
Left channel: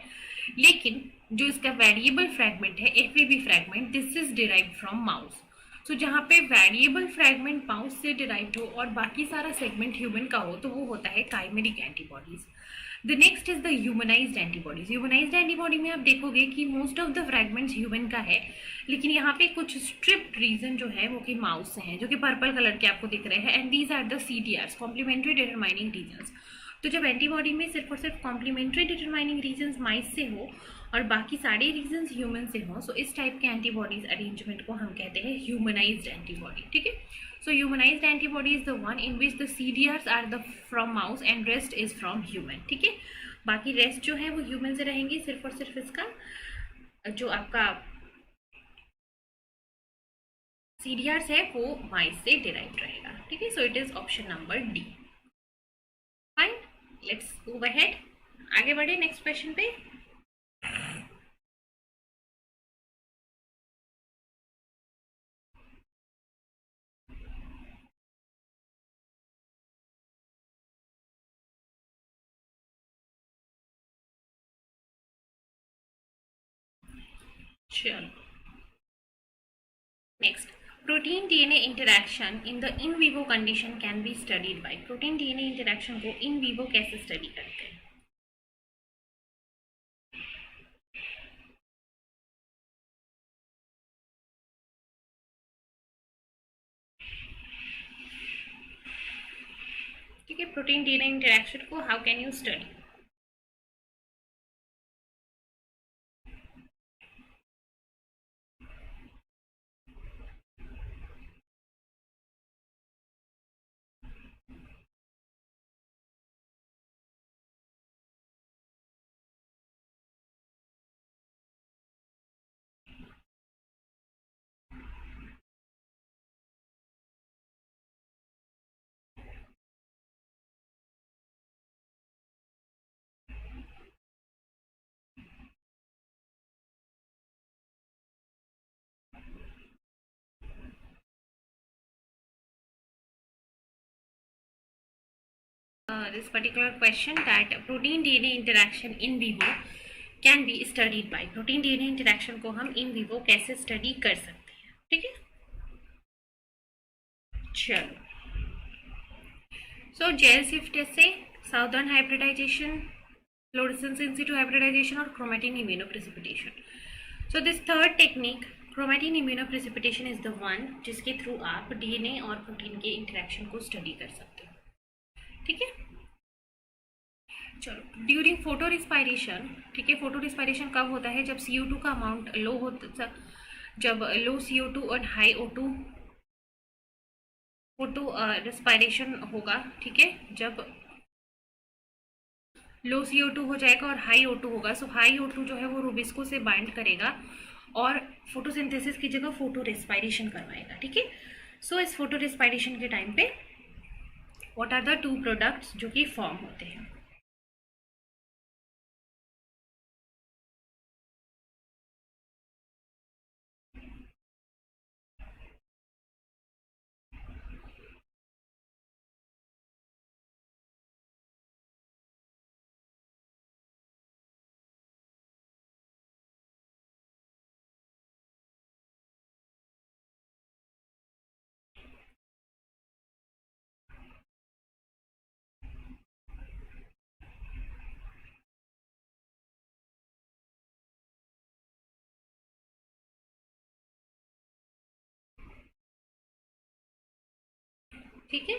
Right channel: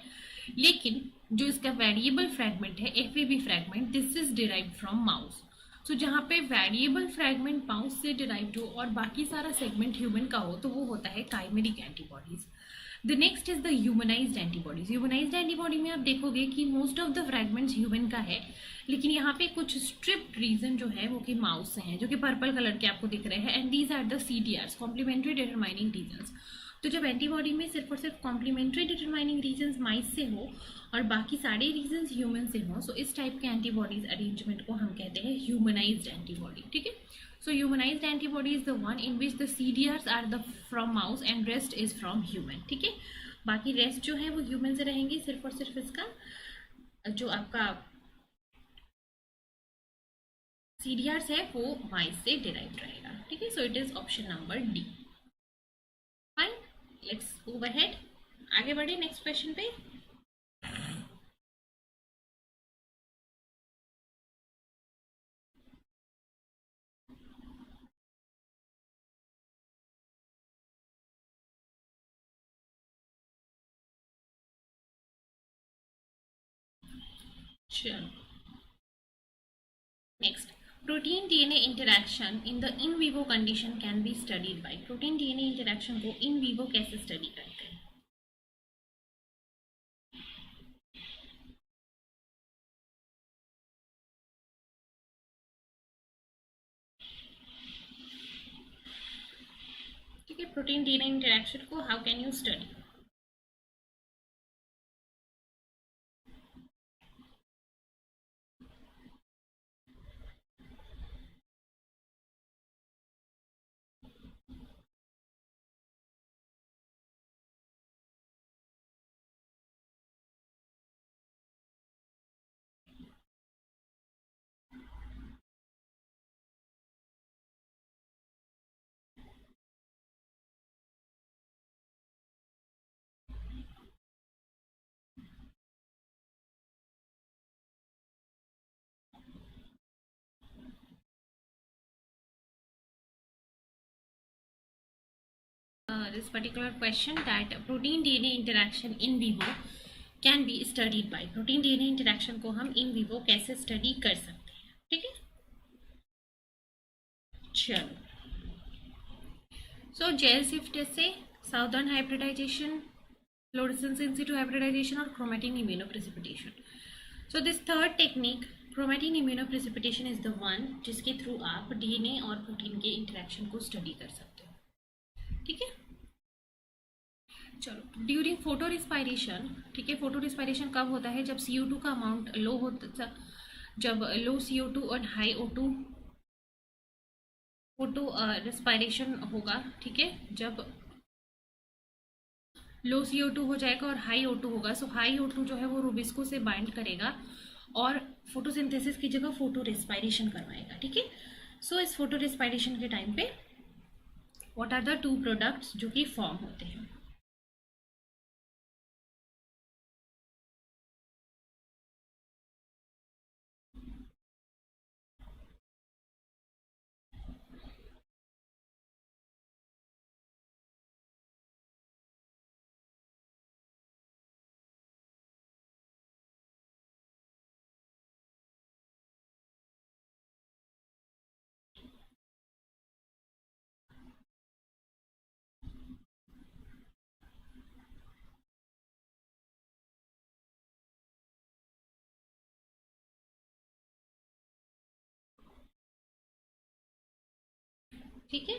लेकिन जो इसका वेरिएबल फ्रेगमेंट है, FAB fragment, this is derived from mouse. जहाँ पे वेरिएबल फ्रेगमेंट माउस से डिराइव्ड हो और बाकी सारा सेगमेंट ह्यूमन का हो, तो वो होता है chimeric antibodies. The next is the humanised antibodies. Humanised antibody में आप देखोगे कि most of the fragments human का है, लेकिन यहाँ पे कुछ स्ट्रिप्ड रीजन जो है वो कि माउस से हैं, जो कि पर्पल कलर के आपको दिख रहे हैं, and these are the CDRs, complementary determining regions. तो जब एंटीबॉडी में सिर्फ और सिर्फ कॉम्प्लीमेंट्री डिटरमाइनिंग रीजन्स माइस से हो और बाकी सारे रीजन्स ह्यूमन से हो, सो इस टाइप के एंटीबॉडीज अरेंजमेंट को हम कहते हैं ह्यूमनाइज्ड एंटीबॉडी। ठीक है, so humanised antibody is the one in which the CDRs are the from mouse and rest is from human. ठीक है, बाकी रेस्ट जो है वो ह्यूमन से रहेंगी, सिर्फ और सिर्फ इसका जो आपका सीडीआर्स है वो माइस से डिराइव्ड रहेगा। ठीक है, so it is option number D. Fine, let's move ahead, आगे बढ़े नेक्स्ट क्वेश्चन पे। चलो next, protein DNA interaction in the in vivo condition can be studied by. Protein DNA interaction को इन विवो कैसे study करते हैं? ठीक है, प्रोटीन डीएनए इंटरैक्शन को how can you study? This particular question that protein DNA interaction in vivo can be studied by। Protein DNA interaction को हम in vivo कैसे स्टडी कर सकते हैं? ठीक है, चलो जेल शिफ्ट टेस्ट से साउदर्न हाइब्रिडाइजेशन, फ्लोरेसेंस इन सिटू हाइब्रिडाइजेशन और chromatin immunoprecipitation. This third technique chromatin immunoprecipitation is the one जिसके थ्रू आप डीएनए और प्रोटीन के इंटरैक्शन को स्टडी कर सकते हो। ठीक है, चलो ड्यूरिंग फोटो रिस्पायरेशन। ठीक है, फोटो रिस्पायरेशन कब होता है? जब CO2 का अमाउंट लो होता, जब लो CO2 और हाई O2 फोटो रिस्पायरेशन होगा। ठीक है, जब लो CO2 हो जाएगा और हाई O2 होगा, हाई O2 जो है वो रूबिस्को से बाइंड करेगा और फोटोसिंथेसिस की जगह फोटो रिस्पायरेशन करवाएगा। ठीक है, इस फोटो रिस्पायरेशन के टाइम पे what are the two products जो कि फॉर्म होते हैं? ठीक है।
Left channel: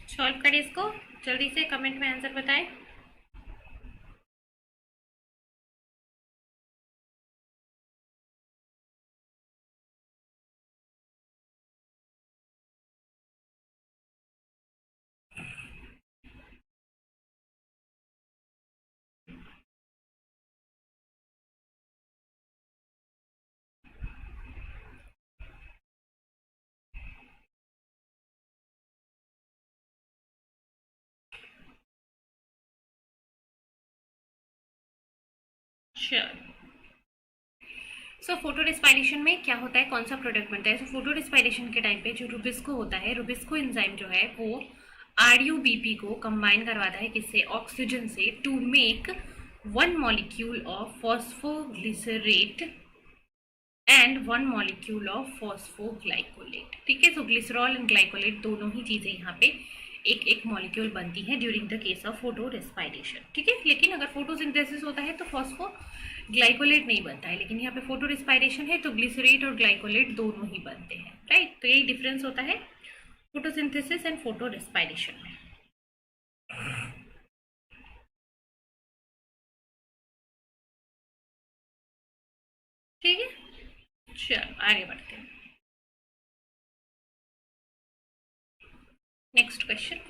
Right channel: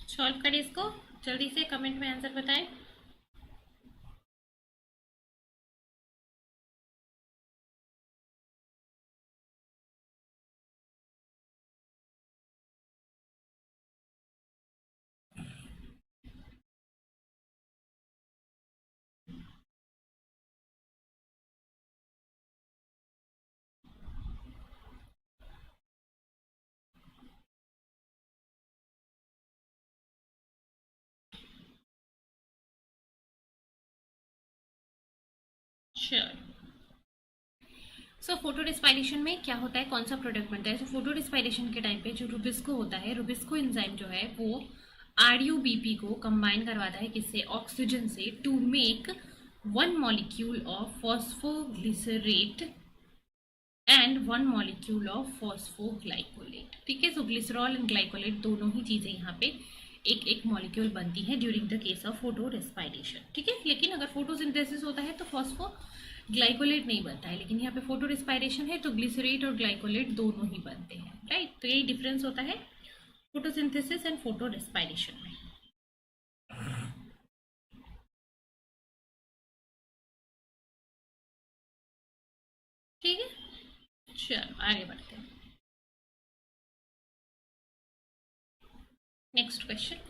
सॉल्व करें इसको, जल्दी से कमेंट में आंसर बताएं। श्योर। सो फोटो रिस्पायरेशन में क्या होता है, कौन सा प्रोडक्ट बनता है? सो फोटो रिस्पायरेशन के टाइम पे जो रुबिस्को होता है, रुबिस्को एंजाइम जो है वो आरयूबीपी को कंबाइन करवाता है किससे? ऑक्सीजन से, to make one molecule of phosphoglycerate and one molecule of phosphoglycolate. ठीक है, सो ग्लिसरॉल एंड ग्लाइकोलेट दोनों ही चीज़ें यहाँ पे एक एक मॉलिक्यूल बनती है during the case of photo respiration. ठीक है, लेकिन अगर फोटोसिंथेसिस होता है तो फॉस्फो ग्लाइकोलेट नहीं बनता है, लेकिन यहाँ पे फोटो रेस्पायरेशन है तो ग्लिसरेट और ग्लाइकोलेट दोनों ही बनते हैं। राइट, तो यही डिफरेंस होता है फोटोसिंथेसिस एंड फोटो रेस्पायरेशन में। ठीक है, चलो आगे बढ़ते हैं। Next question.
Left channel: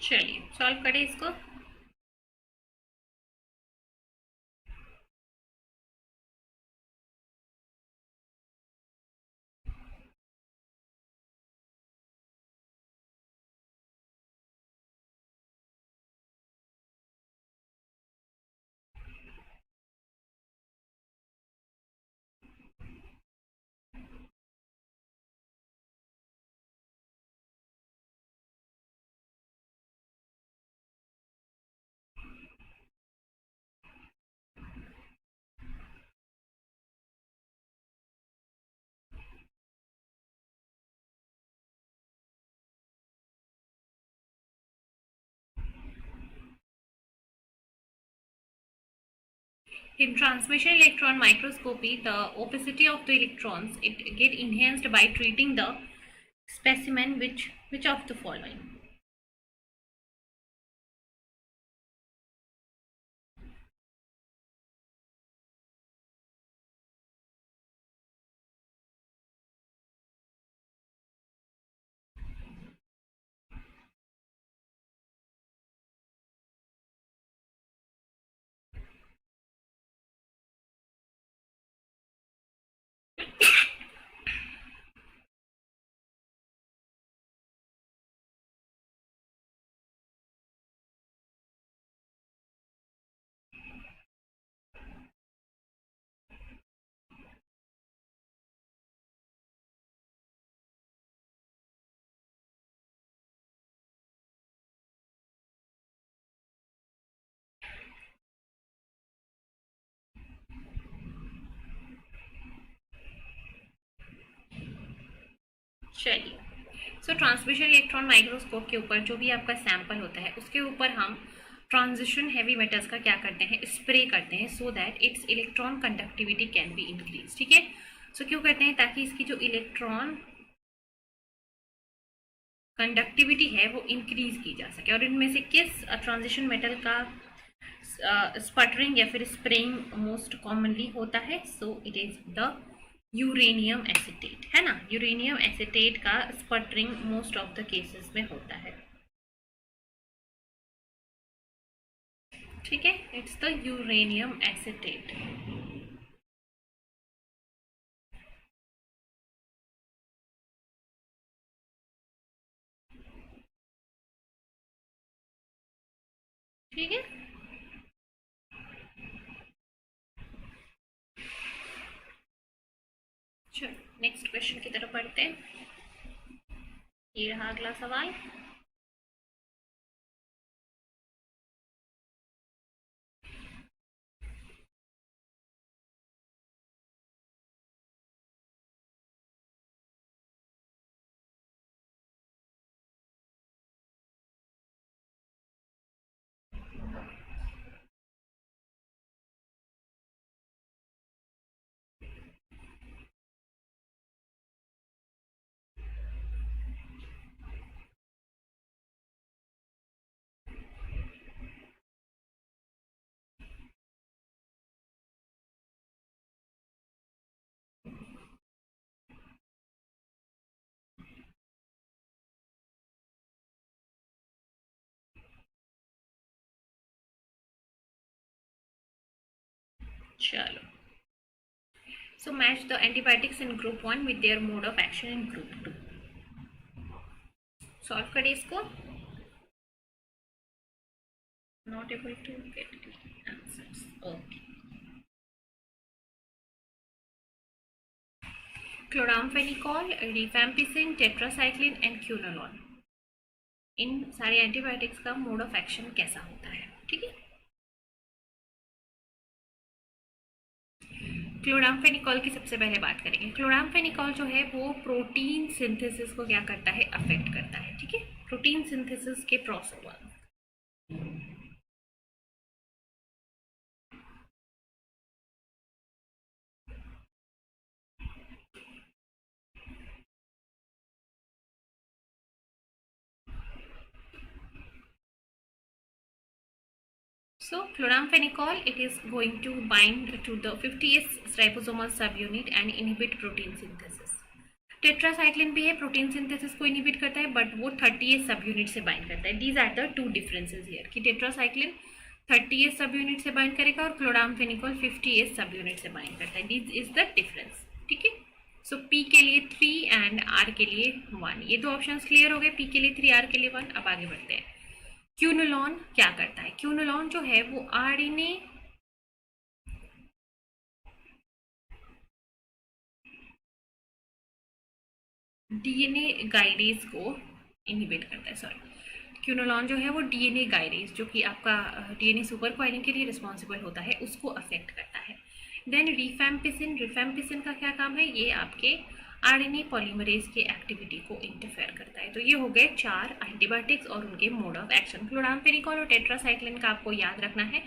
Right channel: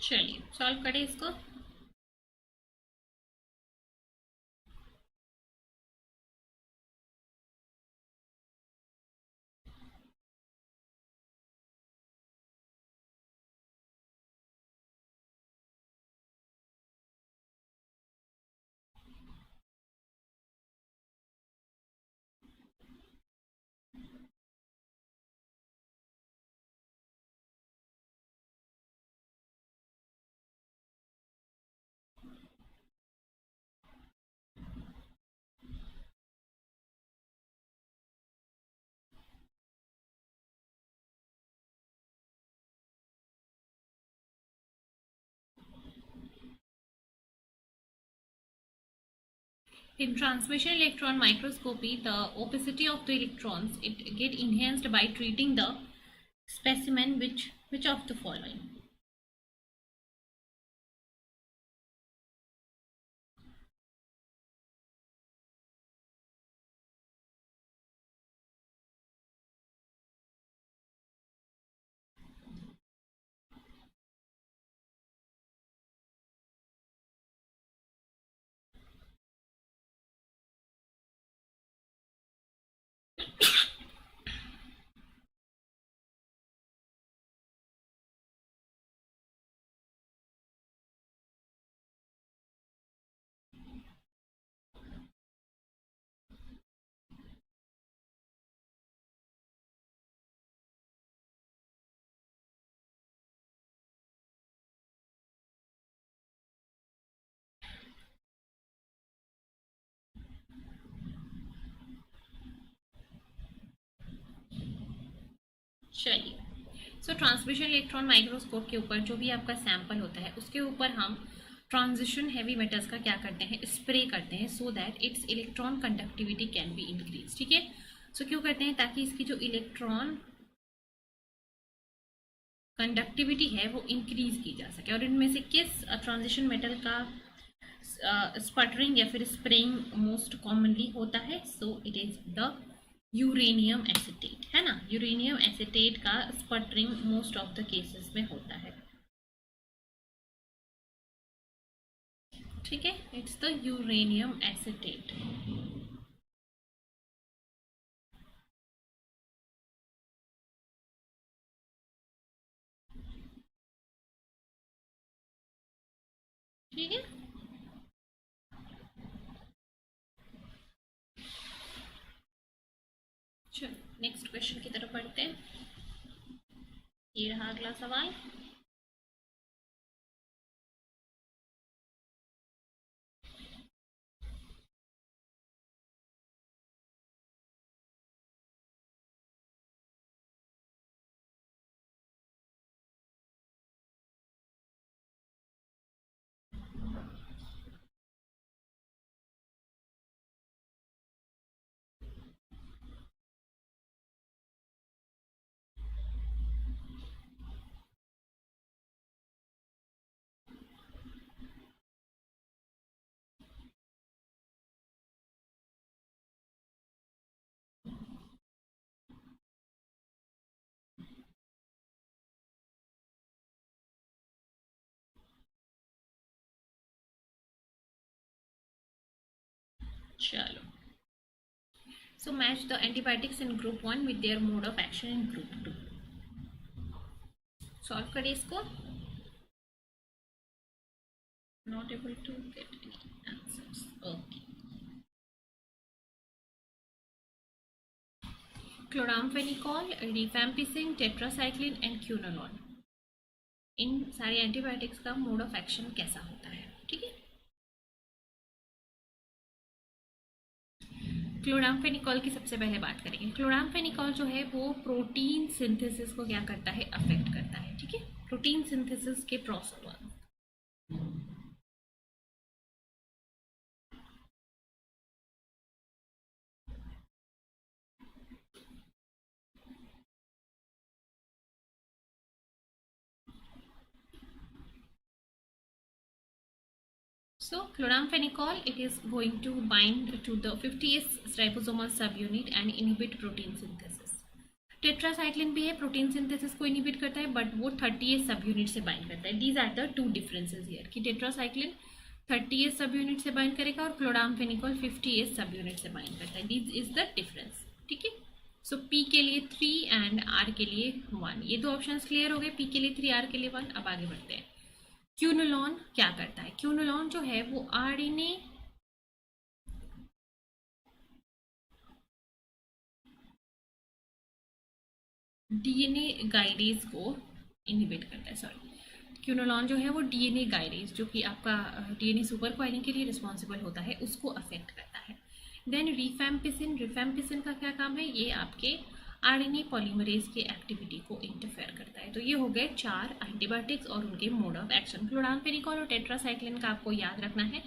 चलिए सॉल्व करें इसको। In transmission electron microscopy, the opacity of the electrons it get enhanced by treating the specimen which of the following? चलिए, सो ट्रांसमिशन इलेक्ट्रॉन माइक्रोस्कोप के ऊपर जो भी आपका सैंपल होता है उसके ऊपर हम ट्रांजिशन हैवी मेटल्स का क्या करते हैं? स्प्रे करते हैं, so that it's electron conductivity can be increase. ठीक है, सो क्यों करते हैं? ताकि इसकी जो इलेक्ट्रॉन कंडक्टिविटी है वो इंक्रीज की जा सके। और इनमें से किस ट्रांजिशन मेटल का स्पटरिंग या फिर स्प्रेइंग मोस्ट कॉमनली होता है? So it is the uranium acetate, है ना। यूरेनियम एसिटेट का sputtering most of the cases में होता है। ठीक है, इट्स द यूरेनियम एसिटेट। ठीक है, चलो नेक्स्ट क्वेश्चन की तरफ बढ़ते हैं। ये रहा अगला सवाल। चलो, so match the antibiotics in group 1 with their mode of action in group 2। Solve करिए इसको। Not able to get answers, okay. Chloramphenicol, rifampicin, tetracycline and quinolone, इन सारे एंटीबायोटिक्स का मोड ऑफ एक्शन कैसा होता है? ठीक है, क्लोरामफेनिकॉल की सबसे पहले बात करेंगे। क्लोरामफेनिकॉल जो है वो प्रोटीन सिंथेसिस को क्या करता है? अफेक्ट करता है। ठीक है, प्रोटीन सिंथेसिस के process. So chloramphenicol, it is going to bind to the 50S ribosomal subunit and inhibit protein synthesis। Tetracycline भी है, प्रोटीन सिंथेसिस को इनहिबिट करता है, बट वो 30S सब यूनिट से बाइंड करता है। These are the two differences here कि टेट्रासाइक्लिन 30S सब यूनिट से बाइंड करेगा और क्लोराम्फेनिकॉल 50S सब यूनिट से बाइंड करता है। This is the difference. ठीक है, सो P के लिए 3 एंड R के लिए 1। ये दो ऑप्शंस क्लियर हो गए, P के लिए 3, R के लिए 1। अब आगे बढ़ते हैं। क्यूनोलॉन क्या करता है? क्यूनोलॉन जो है वो आरएनए डीएनए गाइडेज को इनहिबिट करता है। सॉरी, क्यूनोलॉन जो है वो डीएनए गाइडेज, जो कि आपका डीएनए सुपर क्वाइलिंग के लिए रिस्पॉन्सिबल होता है, उसको अफेक्ट करता है। देन रिफैम्पिसिन, रिफैम्पिसिन का क्या काम है? ये आपके आरएनए पॉलीमरेज के एक्टिविटी को इंटरफेयर करता है। तो ये हो गए 4 एंटीबायोटिक्स और उनके मोड ऑफ एक्शन। क्लोराम्फेनिकॉल और टेट्रासाइक्लिन का आपको याद रखना है,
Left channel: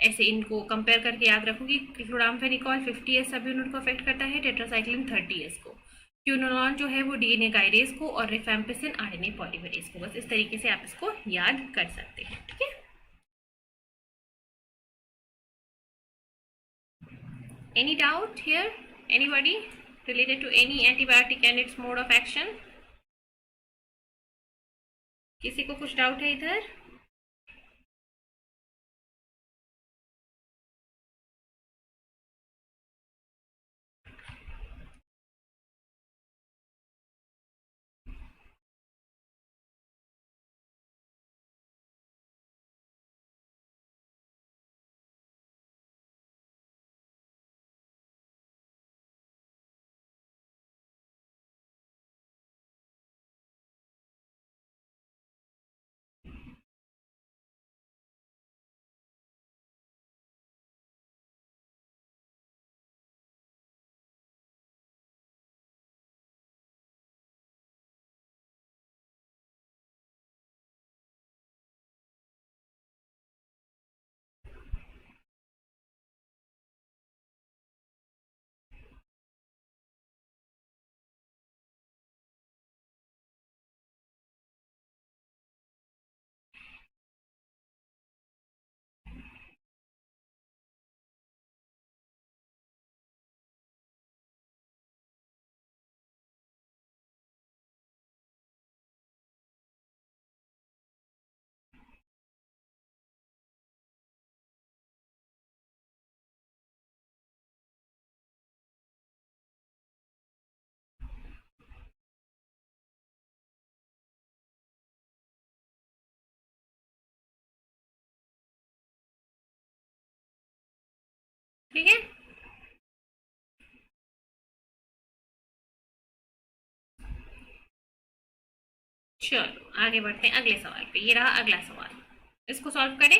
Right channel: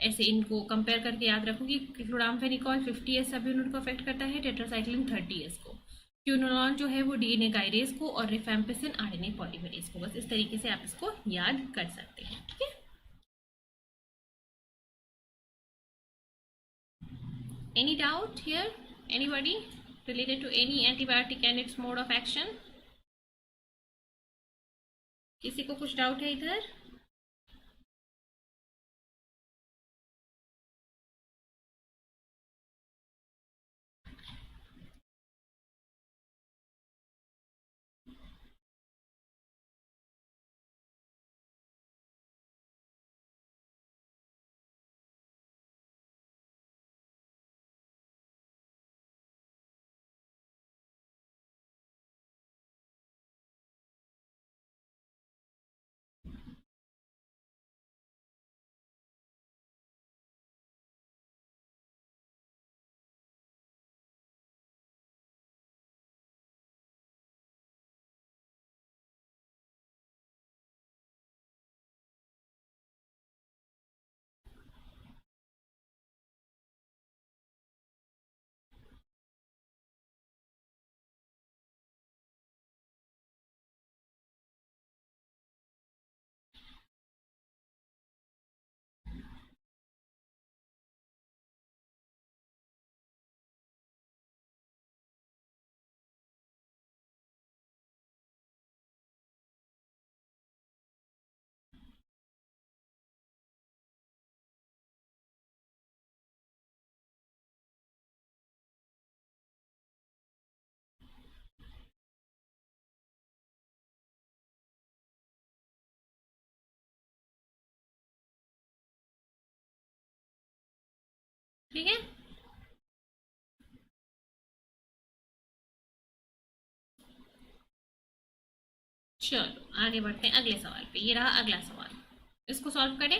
ऐसे इनको कंपेयर करके याद रखो कि क्लोराम्फेनिकॉल 50S सब यूनिट को अफेक्ट करता है, टेट्रासाइक्लिन 30S को, क्यूनोलॉन जो है वो डीएनए गाइडेज को, और रिफैम्पिसिन आरएनए पॉलीमरेज को। बस इस तरीके से आप इसको याद कर सकते हैं। ठीक है, any doubt here? Anybody related to any antibiotic and its mode of action? किसी को कुछ डाउट है इधर? ठीक है, चलो आगे बढ़ते हैं अगले सवाल पे। ये रहा अगला सवाल, इसको सॉल्व करें।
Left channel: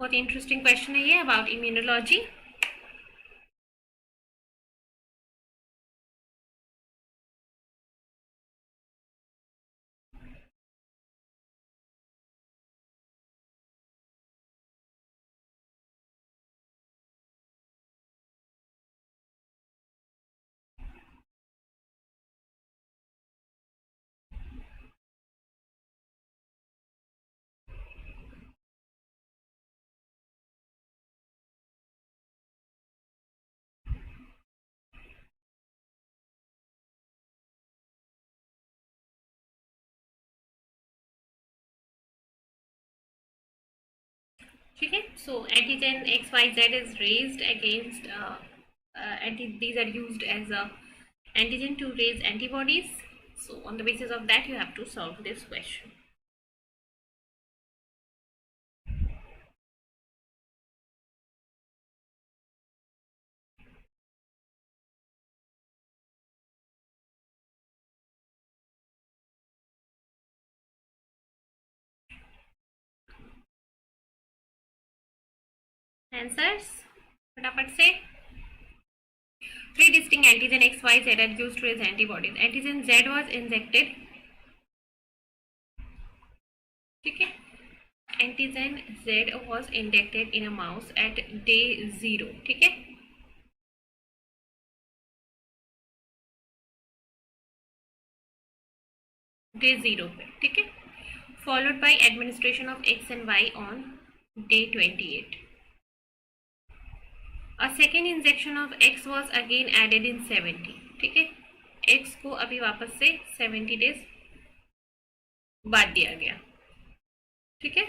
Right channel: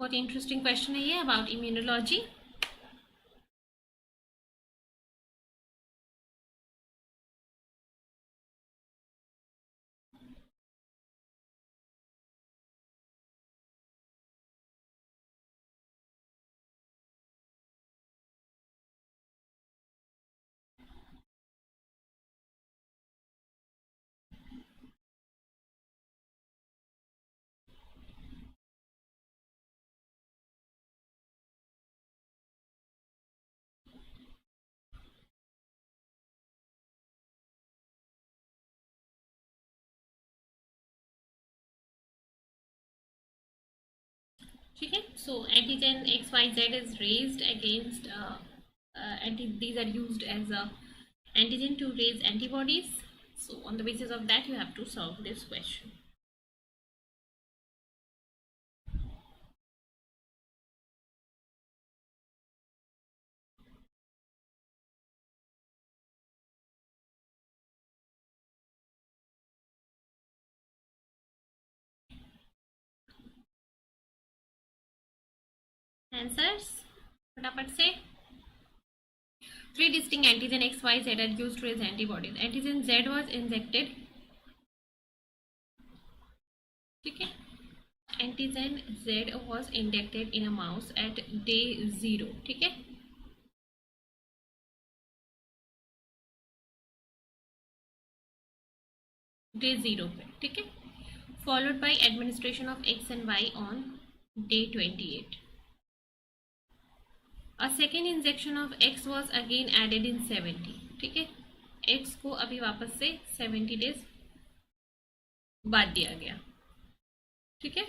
बहुत इंटरेस्टिंग क्वेश्चन है ये अबाउट इम्यूनोलॉजी। ठीक है, so antigen XYZ is raised against these are used as a antigen to raise antibodies. So on the basis of that you have to solve this question. Answers फटाफट से। Three distinct antigen XYZ are used to raise antibodies. Antigen Z was injected, ठीक है, antigen Z was injected in a mouse at day 0, ठीक है, day 0 पे, ठीक है, followed by administration of X and Y on day 28. A second injection of X was again added in 70, ठीक है, X को अभी वापस से 70 डेज बाद दिया गया, ठीक है।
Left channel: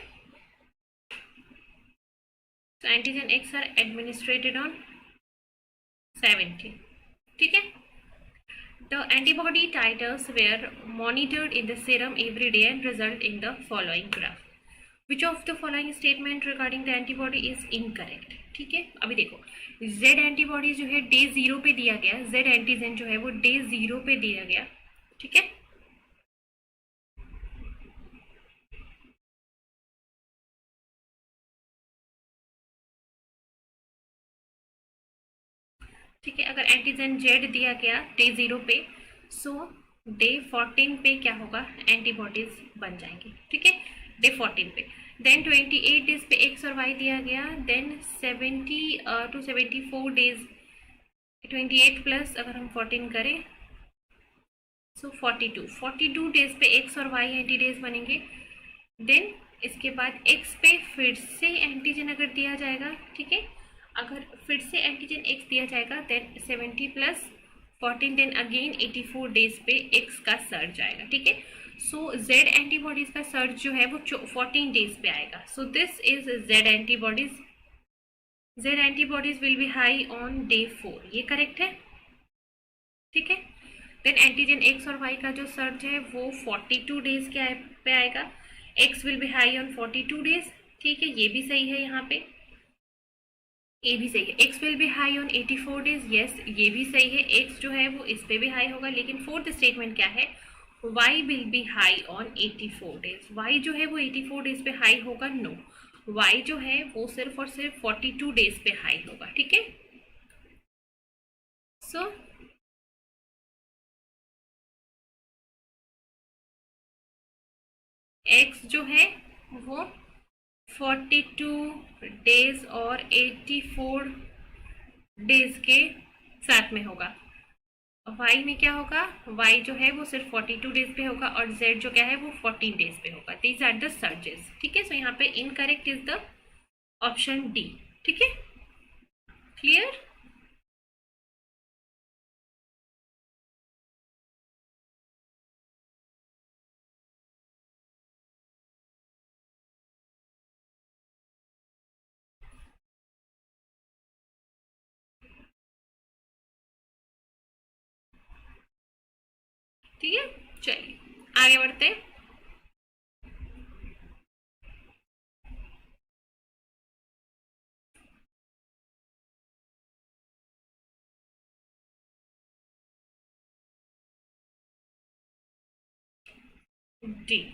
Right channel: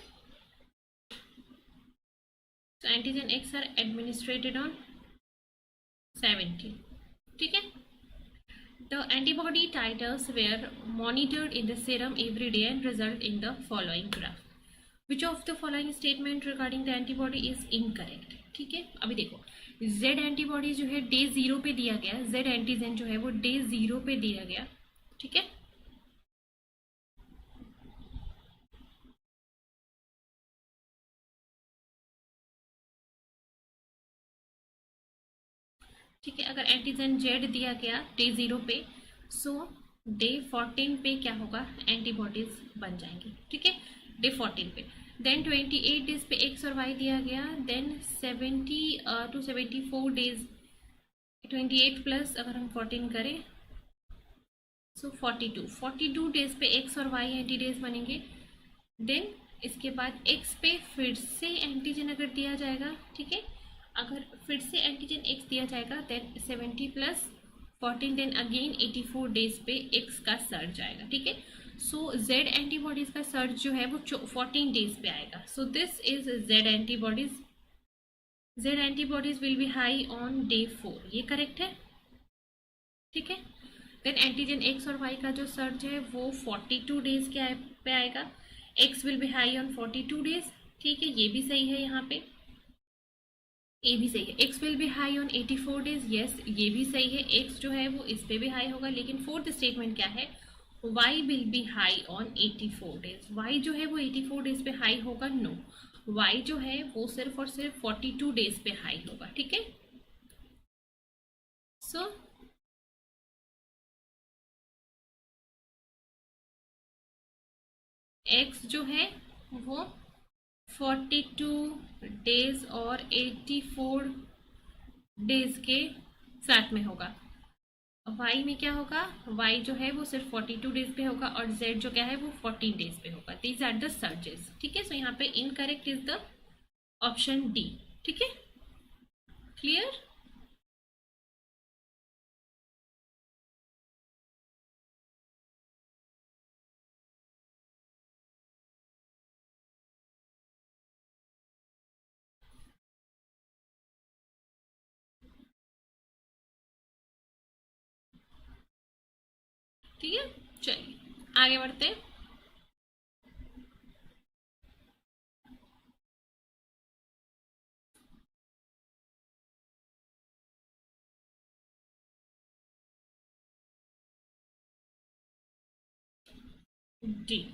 So antigen X are administered on 70, ठीक है। The antibody titers were monitored in the serum every day and result in the following graph. Which of the following statement regarding the antibody is incorrect? ठीक है, अभी देखो Z antibody जो है day 0 पे दिया गया, Z एंटीजन जो है वो डे 0 पे दिया गया, ठीक है, ठीक है। अगर एंटीजन Z दिया गया डे 0 पे, सो डे 14 पे क्या होगा, एंटीबॉडीज बन जाएंगी, ठीक है, डे 14 पे। देन 28 डेज पे X और Y दिया गया, देन 70 to 74 डेज, 28 प्लस अगर हम 14 करें सो 42 डेज पे X और Y एंटीडेज बनेंगे। देन इसके बाद X पे फिर से एंटीजन अगर दिया जाएगा, ठीक है, अगर फिर से एंटीजन X दिया जाएगा then 70 plus 14 then again 84 days पे X का सर्ज आएगा, ठीक है। सो Z एंटीबॉडीज का सर्च जो है वो 14 डेज पे आएगा। So this is Z antibodies. Z antibodies will be high on day 4, ये करेक्ट है, ठीक है। देन एंटीजन X और Y का जो सर्च है वो 42 डेज के पे आएगा, X will be high on 42 days, ठीक है, ये भी सही है, यहाँ पे ए भी सही है। X will be high on 84 days, yes ये भी सही है, X जो है वो इस पे भी हाई होगा, लेकिन फोर्थ स्टेटमेंट क्या है, Y will be high on 84 days, Y जो है वो 84 डेज पे हाई होगा, नो, Y जो है वो सिर्फ और सिर्फ 42 डेज पे हाई होगा, ठीक है। सो X जो है वो 42 डेज और 84 डेज के साथ में होगा। Y में क्या होगा, Y जो है वो सिर्फ 42 डेज पे होगा और Z जो क्या है वो 14 डेज पे होगा। दीज आर द सर्जेस, ठीक है। सो यहाँ पे incorrect is the option D, ठीक है, क्लियर। ठीक है, चलिए आगे बढ़ते हैं। डी।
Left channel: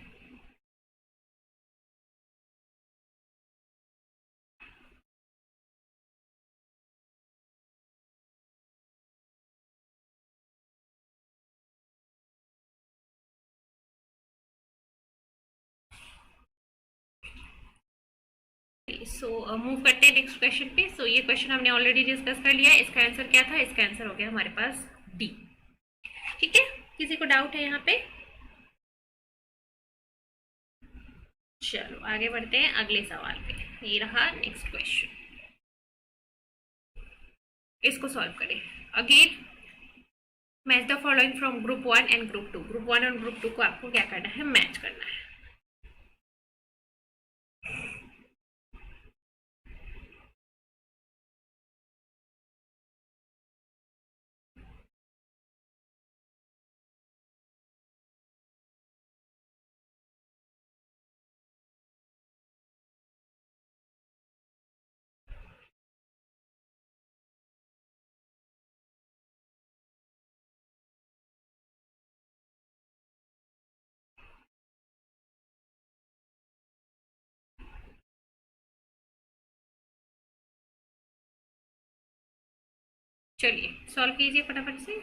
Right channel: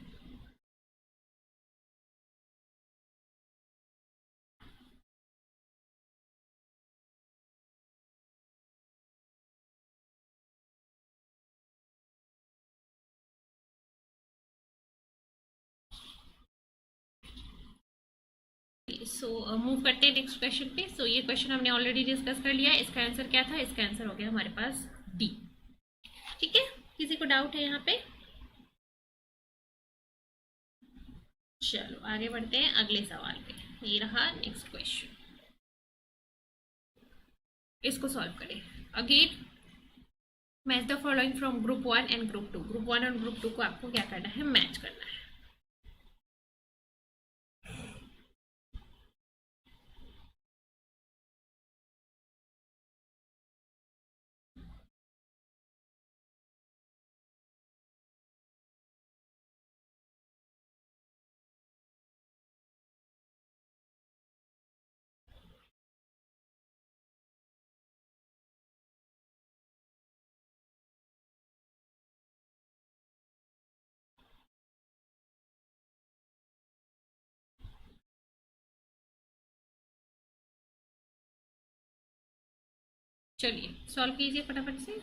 सो मूव करते हैं नेक्स्ट क्वेश्चन पे। सो ये क्वेश्चन हमने ऑलरेडी डिस्कस कर लिया है। इसका आंसर क्या था? इसका आंसर हो गया हमारे पास डी। ठीक है, किसी को डाउट है यहाँ पे? चलो आगे बढ़ते हैं अगले सवाल पे। ये रहा नेक्स्ट क्वेश्चन, इसको सॉल्व करें। Again match the following from group 1 and group 2। Group 1 और ग्रुप 2 को आपको क्या करना है? मैच करना है। चलिए सॉल्व कीजिए फटाफट से।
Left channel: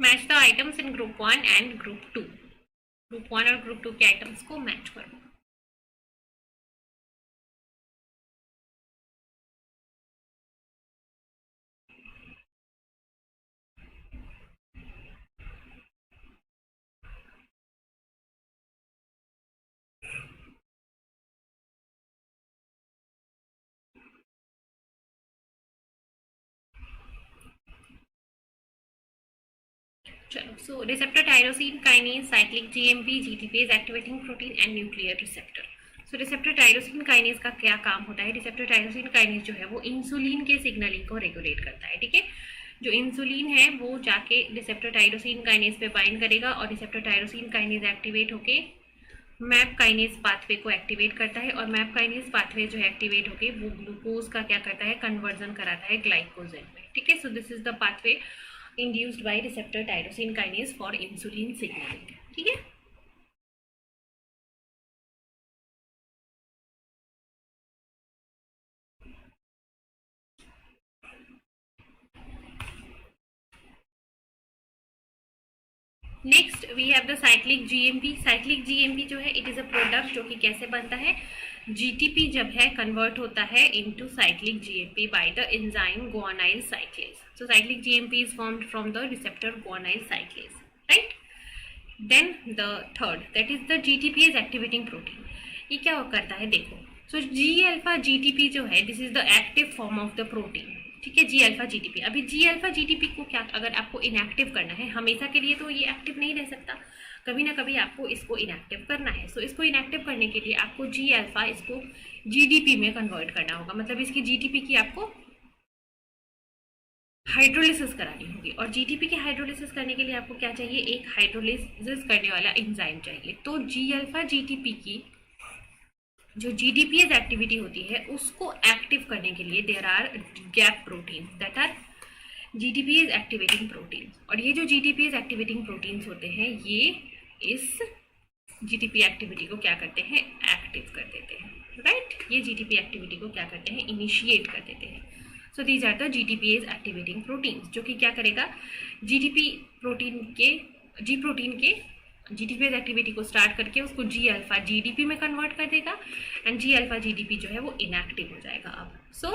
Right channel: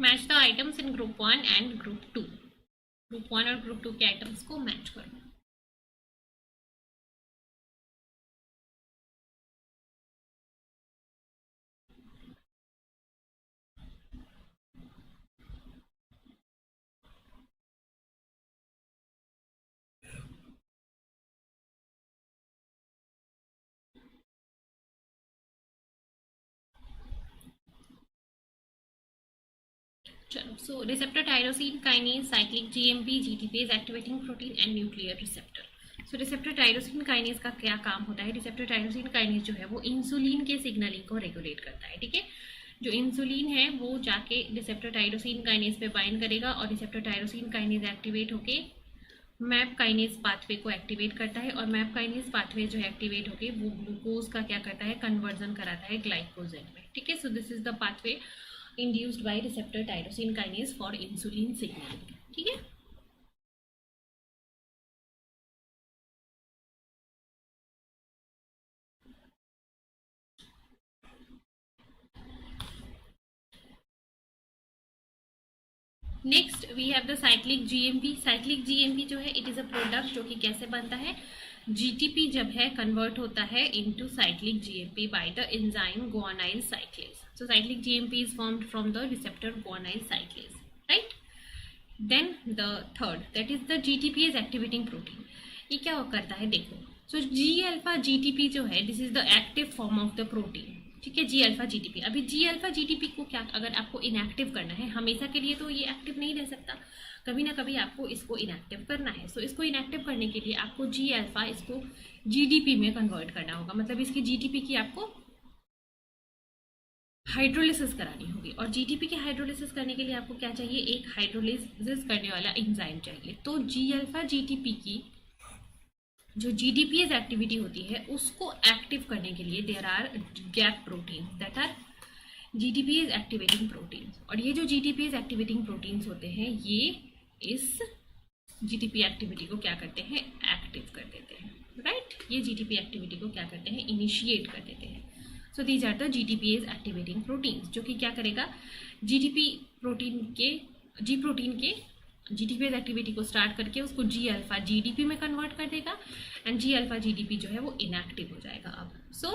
Match the items in group 1 and group 2। Group 1 और ग्रुप 2 के आइटम्स को मैच करो। चलो so receptor tyrosine kinase, cyclic GMP, GTPase activating protein and nuclear receptor. So receptor tyrosine kinase का क्या काम होता है? रिसेप्टर टायरोसिन काइनेज जो है वो इंसुलिन के सिग्नलिंग को रेगुलेट करता है। ठीक है, जो इंसुलिन है वो जाके रिसेप्टर टायरोसिन काइनेज पे बाइंड करेगा और रिसेप्टर टायरोसिन काइनेज एक्टिवेट होके मैप काइनेज पाथवे को एक्टिवेट करता है, और मैप काइनेज पाथवे जो है एक्टिवेट होके वो ग्लूकोज का क्या करता है? कन्वर्जन कराता है ग्लाइकोजन में। ठीक है, सो this is the pathway induced by receptor tyrosine kinase for insulin signaling। ठीक है, next we have the cyclic GMP. Cyclic GMP जो है इट इज अ प्रोडक्ट जो कि कैसे बनता है? जीटीपी जब है कन्वर्ट होता है into cyclic GMP by the enzyme guanylyl cyclase. So cyclic GMP is formed from the receptor guanylyl cyclase, right. Then the third that is the GTPase activating protein. ये क्या करता है? देखो, सो जी अल्फा जीटीपी जो है this is the active form of the protein. ठीक है, जी alpha GTP. अभी जी अल्फा जीटीपी को क्या अगर आपको इनएक्टिव करना है, हमेशा के लिए तो ये एक्टिव नहीं रह सकता, कभी ना कभी आपको इसको इनएक्टिव करना है। सो इसको इनएक्टिव करने के लिए आपको जी अल्फा इसको जीडीपी में कन्वर्ट करना होगा, मतलब इसकी जीटीपी की आपको हाइड्रोलिसिस करानी होगी। और जीटीपी की हाइड्रोलिसिस करने के लिए आपको क्या चाहिए? एक हाइड्रोलिसिस करने वाला एंजाइम चाहिए। तो जी अल्फा जीटीपी की जो GDPase एक्टिविटी होती है उसको एक्टिव करने के लिए there are GAP protein that are GDPase activating proteins. और ये जो GDPase एक्टिवेटिंग प्रोटीन्स होते हैं ये इस GTP एक्टिविटी को क्या करते हैं, एक्टिव कर देते हैं, राइट। ये GTP एक्टिविटी को क्या करते हैं, इनिशिएट कर देते हैं। So these are the GTPase activating proteins, जो कि क्या करेगा, GTP प्रोटीन के GTPase एक्टिविटी को स्टार्ट करके उसको G अल्फा GDP में कन्वर्ट कर देगा एंड G अल्फा GDP जो है वो इनएक्टिव हो जाएगा अब। सो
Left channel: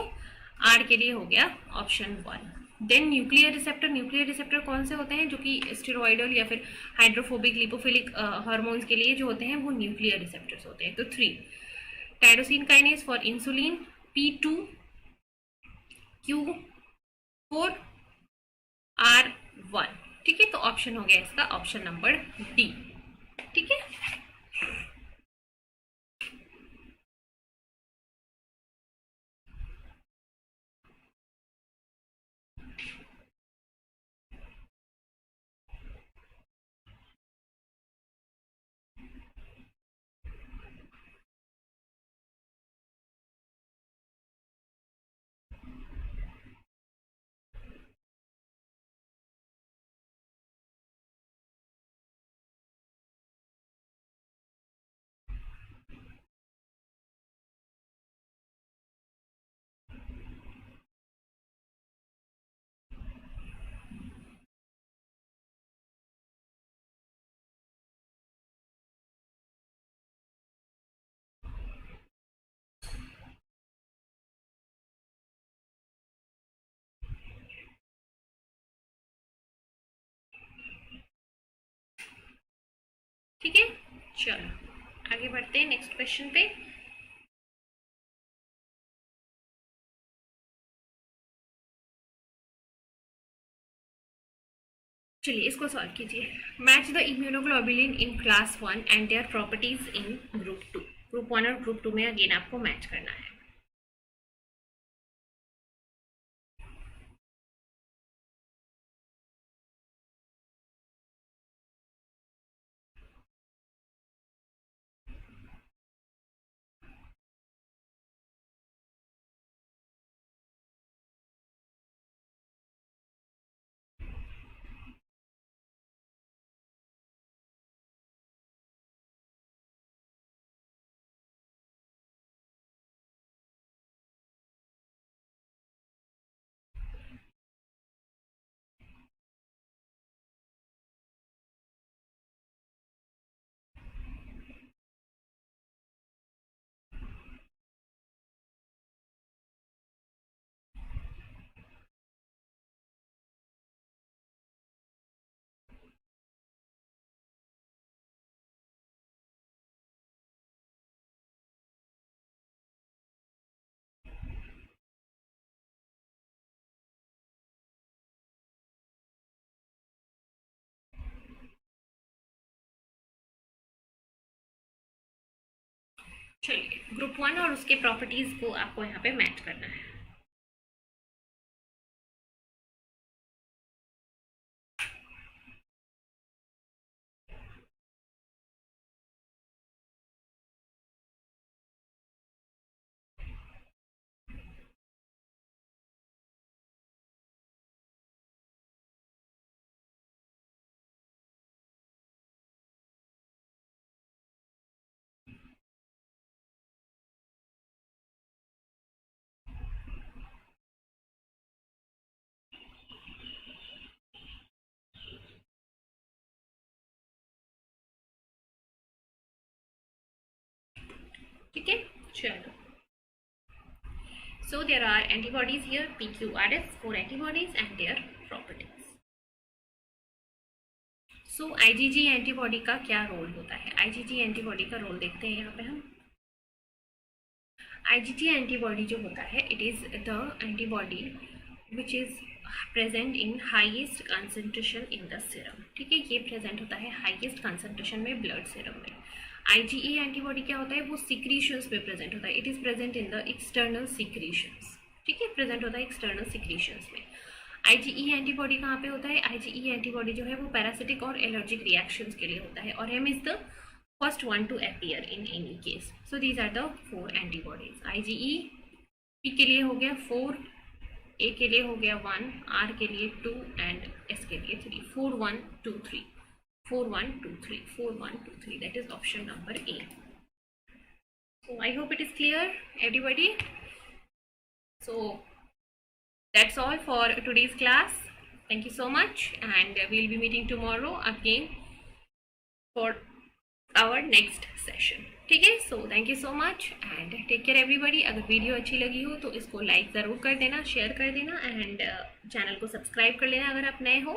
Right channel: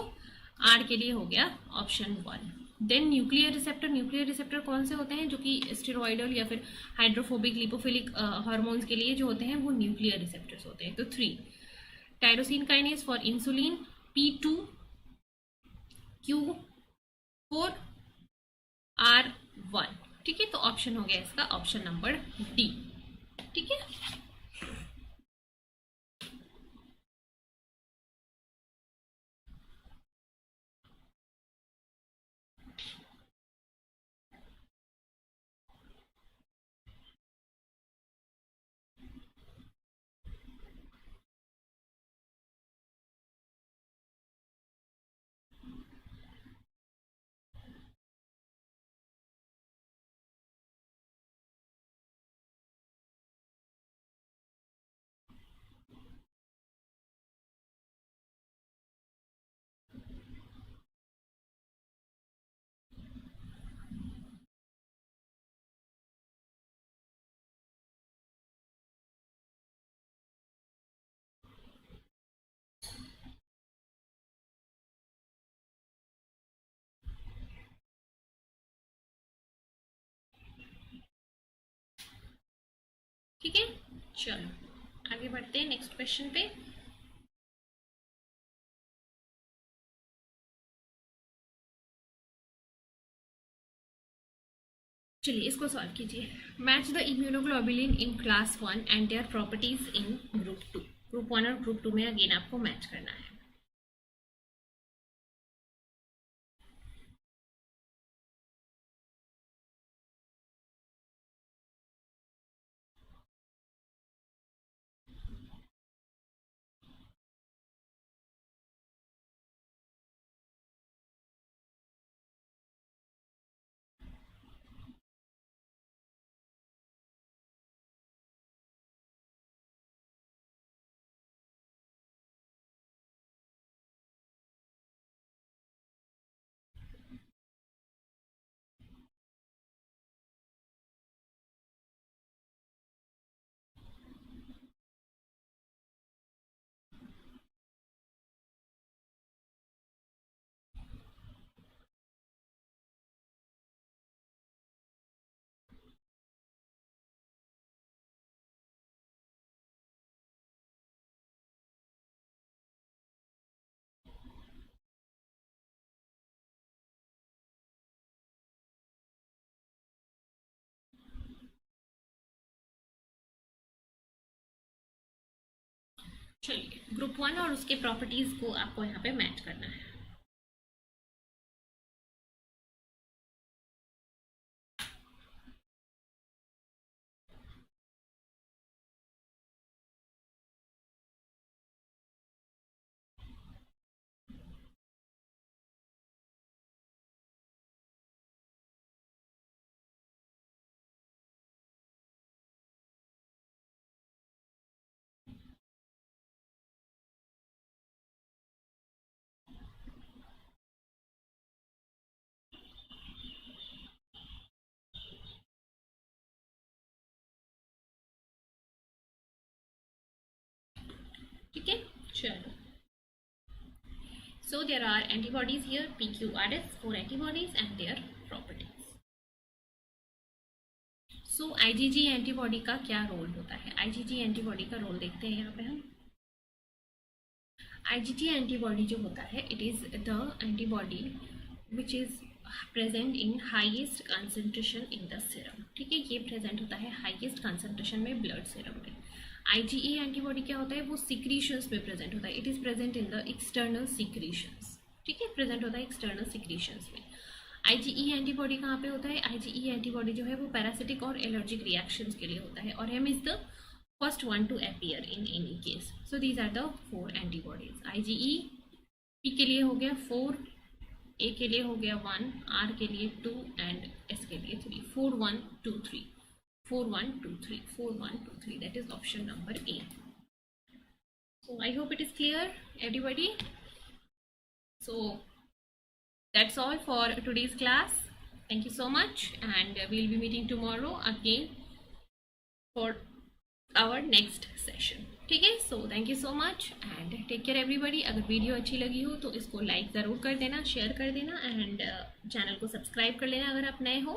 R के लिए हो गया ऑप्शन 1। देन न्यूक्लियर रिसेप्टर कौन से होते हैं, जो कि स्टेरॉइडल या फिर हाइड्रोफोबिक लिपोफिलिक हार्मोन्स के लिए जो होते हैं वो न्यूक्लियर रिसेप्टर्स होते हैं। तो 3 tyrosine kinase for insulin, P2, Q4, R1, ठीक है। तो ऑप्शन हो गया इसका ऑप्शन नंबर डी, ठीक है। ठीक है, चलो आगे बढ़ते हैं नेक्स्ट क्वेश्चन पे। चलिए इसको सॉल्व कीजिए। Match the immunoglobulin in class 1 and their properties in group 2। Group 1 और ग्रुप 2 में अगेन आपको मैच करना है। चलिए ग्रुप 1 और उसके प्रॉपर्टीज को आपको यहाँ पे मैच करना है। ठीक है, चलो। So there are antibodies here, PQRS, 4 antibodies and their properties. So IgG antibody का क्या रोल होता है, IgG एंटीबॉडी का रोल देखते हैं यहाँ पे हम। IgG एंटीबॉडी जो होता है, it is the antibody which is present in highest concentration in the serum. ठीक है, ये प्रेजेंट होता है हाईएस्ट कंसंट्रेशन में ब्लड सीरम में। IgE एंटीबॉडी क्या होता है, वो सिक्रीशंस में प्रेजेंट होता है, it is present in the external secretions. ठीक है, प्रेजेंट होता है एक्सटर्नल सिक्रीशंस में। IgE एंटीबॉडी कहाँ पे होता है, IgE एंटीबॉडी जो है वो पैरासिटिक और एलर्जिक रिएक्शंस के लिए होता है, और M is the first one to appear in any case. So these are the 4 antibodies. IgE P के लिए हो गया 4, A के लिए हो गया 1, R के लिए 2 and S के लिए 3. 4 1 2 3 4 1 2 3 4 1 2 3. That is option number A. So I hope it is clear, everybody. So that's all for today's class. Thank you so much, and we'll be meeting tomorrow again for our next session. ठीक है, so thank you so much and take care everybody. अगर video अच्छी लगी हो तो इसको like ज़रूर कर देना, शेयर कर देना एंड चैनल को सब्सक्राइब कर लेना अगर आप नए हो.